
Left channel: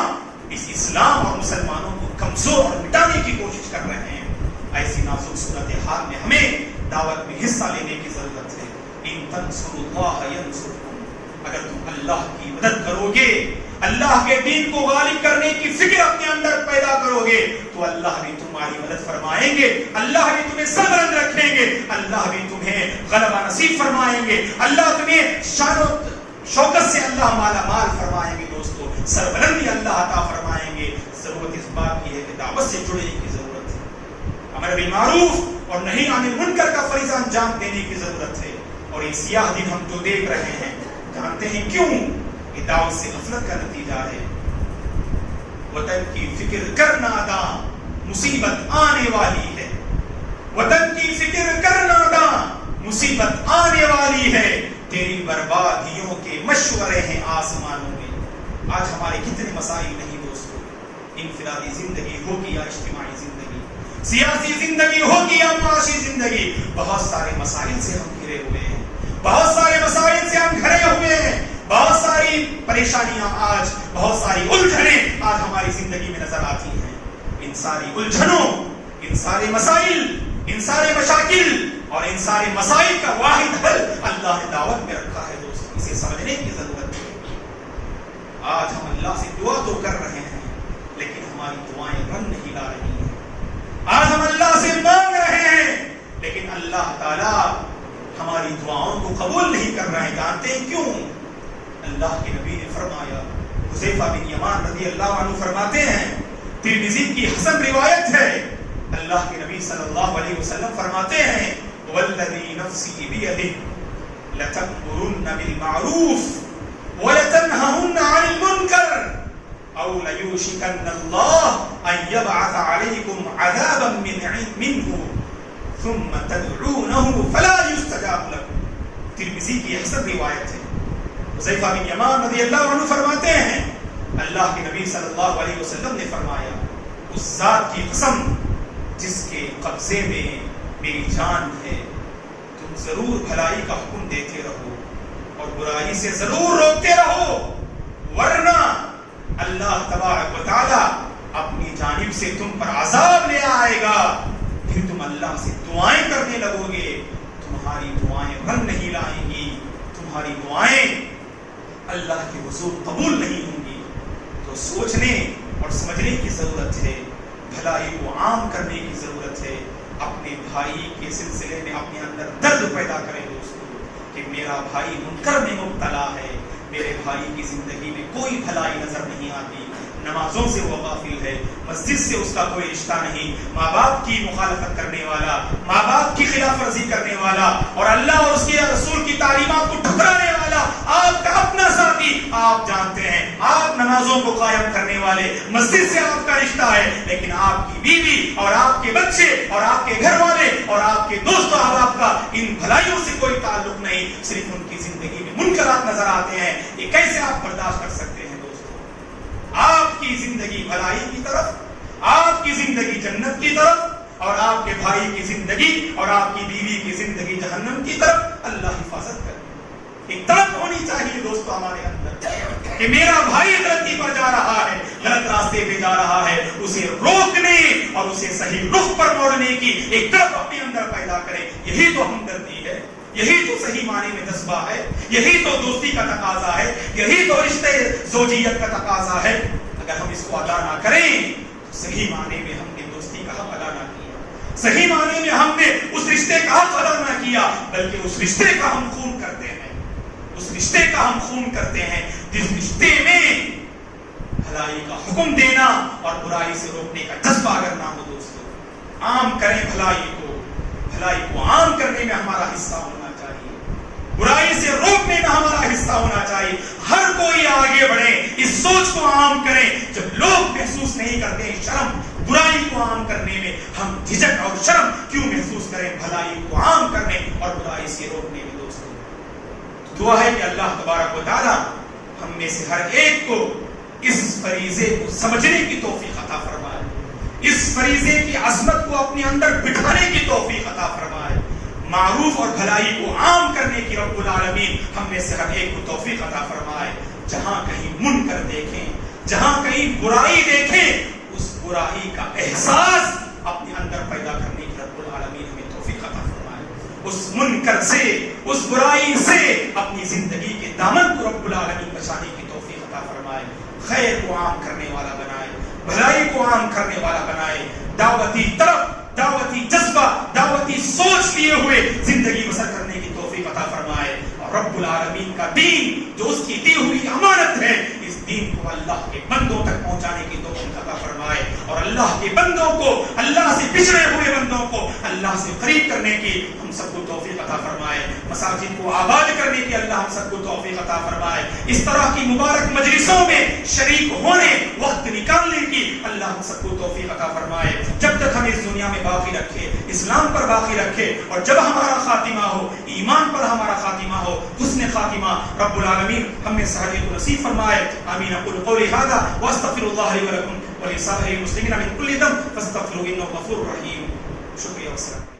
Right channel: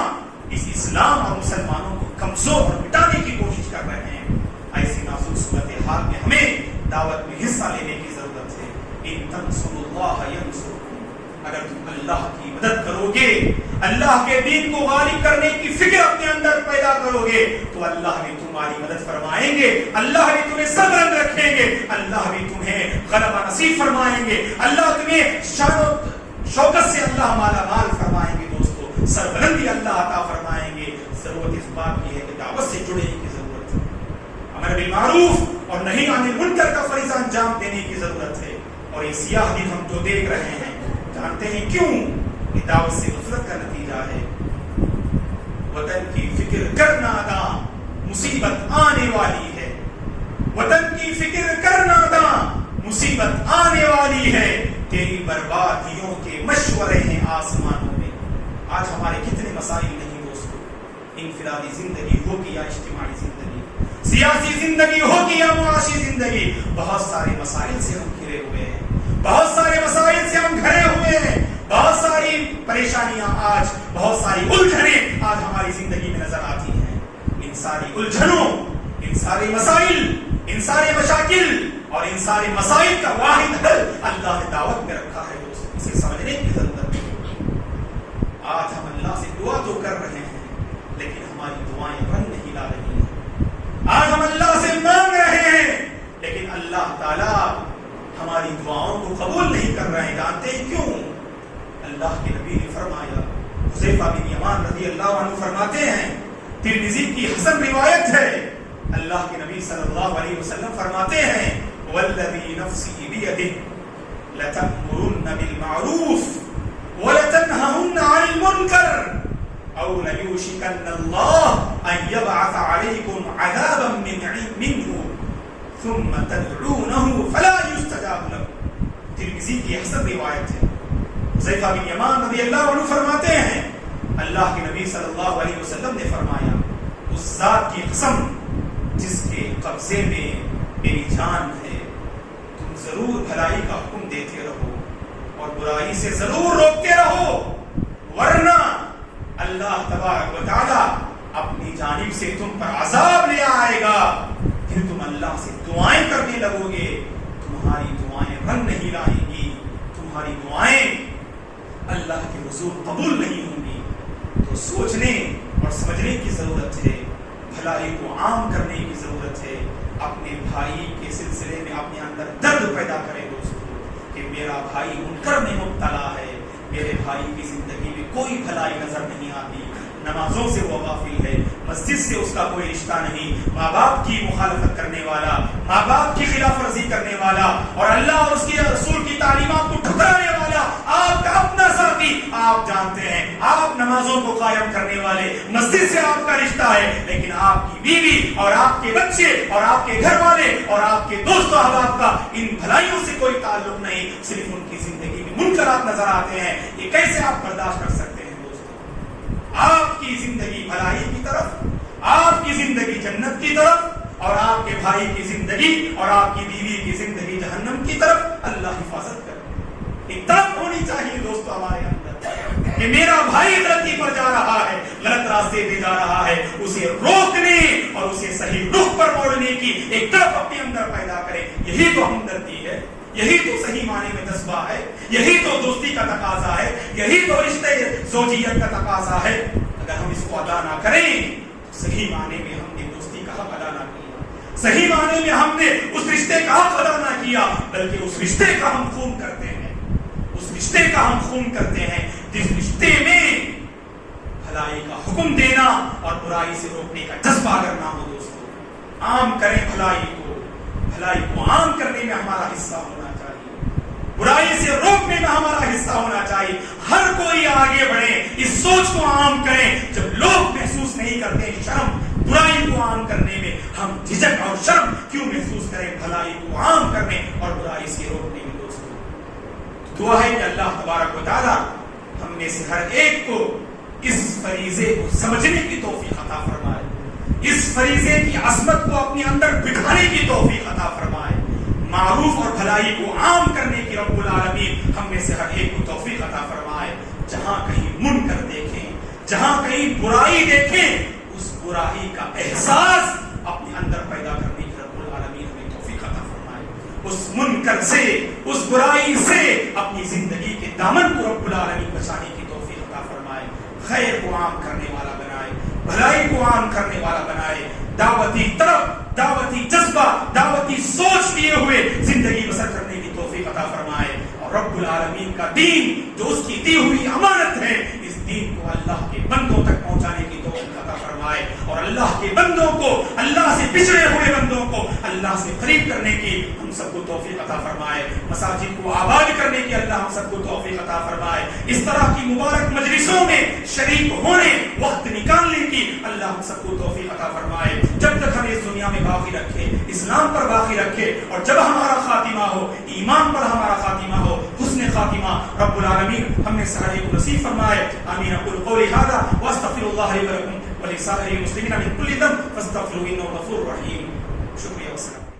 اس اسلام اور مسلمانوں کو کمزور اور مٹانے کی کوشش کر رہے ہیں۔ ایسی نازک صورتحال میں ہمیں دعوت میں حصہ لینے کی ضرورت ہے۔ ان تنصروا اللہ ینصرکم اگر تم اللہ کی مدد کرو گے، اللہ کے دین کو غالب کرنے کی فکر اپنے اندر پیدا کرو گے، تو اللہ بھی تمہاری مدد فرمائیں گے، اللہ بھی تمہیں سربلند رکھیں گے، اللہ بھی تمہیں غلبہ نصیب فرمائیں گے، اللہ تمہیں شان و شوکت سے اللہ مالا مال فرمائیں گے۔ دوستو سربلندی اللہ عطا فرمائیں گے۔ ضرورت اس بات کی ہے کہ دعوت سے جڑنے کی ضرورت ہے، امر بالمعروف اور نہی عن المنکر کا فریضہ انجام دینے کی ضرورت ہے۔ اور یہ سیاہ دن ہم جو دیکھ رہے ہیں، جانتے ہیں کیوں؟ یہ دعوت سے غفلت کا نتیجہ ہے۔ وطن کی فکر کرنا دا مصیبت آنے والی ہے، وطن کی فکر کرنا دا مصیبت آنے والی ہے، تیری بربادیوں کے مشورے ہیں آسمانوں میں۔ آج ہمارے کتنے مسائل نہیں دوستو، انفرادی زندگی ہو کہ یا اجتماعی زندگی، سیاسی زندگی ہو کہ یا معاشی زندگی، بہت سارے مسائل سے ہم گھرے ہوئے ہیں، بہت سارے مسائل سے ہم گھرے ہوئے ہیں، بہت ساری پریشانیاں آج، بہت ساری الجھنیں آج ہماری زندگی میں نظر آتی ہیں۔ ان ساری الجھنوں، ان سارے مسائل، ان سارے مشاکل اور ان سارے مسائل کا واحد حل اللہ نے دعوت میں رکھا ہے دوستو، اسے سمجھنے کی ضرورت ہے۔ آج ہم اللہ سے دعا تو کر رہے ہیں، لیکن ہماری دعائیں رنگ نہیں لا رہی ہیں۔ آج ہم اللہ سے مانگ رہے ہیں، لیکن اللہ تعالیٰ ہماری دعاؤں کو قبول نہیں کر رہے ہیں۔ جانتے ہیں کیوں؟ اللہ کے نبی نے فرمایا، حذیفہ بن یمان رضی اللہ عنہ فرماتے ہیں، ترمذی کی حسن روایت ہے، اللہ کے نبی صلی اللہ علیہ وسلم فرماتے ہیں، والذی نفسی بیدہ لتأمرن بالمعروف ولتنہہن عن المنکر او لیوشکن اللہ ان یبعث علیکم عذابا منہ ثم تدعونہ فلا یستجاب لکم۔ ترمذی کی حسن روایت ہے۔ حذیفہ بن یمان رضی اللہ عنہ فرماتے ہیں، اللہ کے نبی صلی اللہ علیہ وسلم نے فرمایا، اس ذات کی قسم جس کے قبضے میں میری جان ہے، تم ضرور بھلائی کا حکم دیتے رہو اور برائی سے ضرور روکتے رہو، ورنہ اللہ تبارک و تعالی اپنی جانب سے تم پر عذاب لے آئے گا۔ پھر تم اللہ سے دعائیں کرنے لگو گے، تمہاری دعائیں رنگ نہیں لائیں گی، تمہاری دعائیں اللہ کے حضور قبول نہیں ہوں گی۔ تو سوچنے اور سمجھنے کی ضرورت ہے، بھلائی کو عام کرنے کی ضرورت ہے، اپنے بھائی کے سلسلے میں اپنے اندر درد پیدا کرے دوستو کہ میرا بھائی منکر میں مبتلا ہے، میرے بھائی کی زندگی میں کوئی بھلائی نظر نہیں آتی، نمازوں سے وہ غافل ہے، مسجد سے اس کا کوئی رشتہ نہیں، ماں باپ کی مخالفت کرنے والا، ماں باپ کی خلاف ورزی کرنے والا اور اللہ اور اس کے رسول کی تعلیمات کو ٹھکرانے والا آپ کا اپنا ساتھی، آپ جانتے ہیں آپ نمازوں کو قائم کرنے والے، مسجد سے آپ کا رشتہ ہے، لیکن آپ کی بیوی اور آپ کے بچے اور آپ کے گھر والے اور آپ کے دوست و احباب کا ان بھلائیوں سے کوئی تعلق نہیں، صرف ان کی زندگی میں منکرات نظر آتے ہیں۔ یہ کیسے آپ برداشت کر سکتے ہیں دوستو؟ آپ کی زندگی بھلائی کی طرف، آپ کی زندگی جنت کی طرف اور آپ کے بھائی کی زندگی اور آپ کی بیوی کی زندگی جہنم کی طرف، اللہ حفاظت کرے۔ ایک طلب ہونی چاہیے دوستو ہمارے اندر کہ میرا بھائی غلطی پر جا رہا ہے، غلط راستے پہ جا رہا ہے، اسے روکنے اور اسے صحیح رخ پر موڑنے کی ایک طرف اپنے اندر پیدا کرے۔ یہی تو ہمدردی ہے، یہی تو صحیح معنی میں جذبہ ہے، یہی تو دوستی کا تقاضا ہے، یہی تو رشتے زوجیت کا تقاضا ہے۔ اگر ہم اس کو ادا نہ کریں تو صحیح معنی میں ہم نے دوستی کا حق ادا نہ کیا، صحیح معنی میں ہم نے اس رشتے کا حق ادا نہ کیا، بلکہ اس رشتے کا ہم خون کرتے ہیں، اس رشتے کا ہم خون کرتے ہیں جس رشتے میں بھلائی کا حکم دینا اور برائی سے روکنے کا جذبہ اگر نہ ہو دوستو۔ عام کریں بھلائی کو عام کرنے میں ہمارا حصہ ہونا چاہیے، برائی سے روکنے میں ہمارا حصہ ہونا چاہیے۔ ہر کوئی آگے بڑھے، اس سوچ کو عام کریں، جب لوگ محسوس نہیں کرتے شرم برائی کو عام کرنے میں، ہم جھجک اور شرم کیوں محسوس کریں بھلائی کو عام کرنے اور برائی سے روکنے میں دوستو۔ دعا ہے کہ اللہ تبارک و تعالی ہم میں سے ہر ایک کو اس فریضے کو سمجھنے کی توفیق عطا فرمائے، اس فریضے کی عظمت کو اپنے اندر بٹھانے کی توفیق عطا فرمائے، معروف اور بھلائی کو عام کرنے کی رب العالمین ہم میں سے ہر ایک کو توفیق عطا فرمائے۔ جہاں کہیں منکر دیکھیں، جہاں کہیں برائی دیکھیں، اس برائی کا احساس اپنے اندر پیدا کرنے کی رب العالمین ہمیں توفیق عطا فرمائے۔ اس منکر سے، اس برائی سے اپنی زندگی کے دامن کو رب العالمین بچانے کی توفیق عطا فرمائے، خیر کو عام کرنے والا بنائے، بھلائی کو عام کرنے والا بنائے، دعوتی طرف، دعوتی جذبہ، دعوتی سوچ لیے ہوئے زندگی بسر کرنے کی توفیق عطا فرمائے، اور رب العالمین کا دین جو اس کی دی ہوئی امانت ہے، اس دین کو اللہ کے بندوں تک پہنچانے کی توفیق عطا فرمائے، اور اللہ کے بندوں کو، اللہ سے پچھڑے ہوئے بندوں کو اللہ سے قریب کرنے کی ہم سب کو توفیق عطا فرمائے، مساجد کو آباد کرنے کی اللہ ہم سب کو توفیق عطا فرمائے، اس طرح کی مبارک مجلسوں میں شریک ہونے، وقت نکالنے کی اللہ ہم سب کو توفیق عطا فرمائے، جب تک ہمیں اس دنیا میں باقی رکھے، اسلام پر باقی رکھے، اور جب ہمارا خاتمہ ہو، ایمان پر ہمارا خاتمہ ہو، حسن خاتمہ رب العالمین ہمیں سہرے کو نصیب فرمائے۔ آمین۔ اقول قولی ھذا واستغفر اللہ لی ولکم ولسائر المسلمین من کل ذنب فاستغفروہ انہ غفور رحیم۔ شکریہ والسلام۔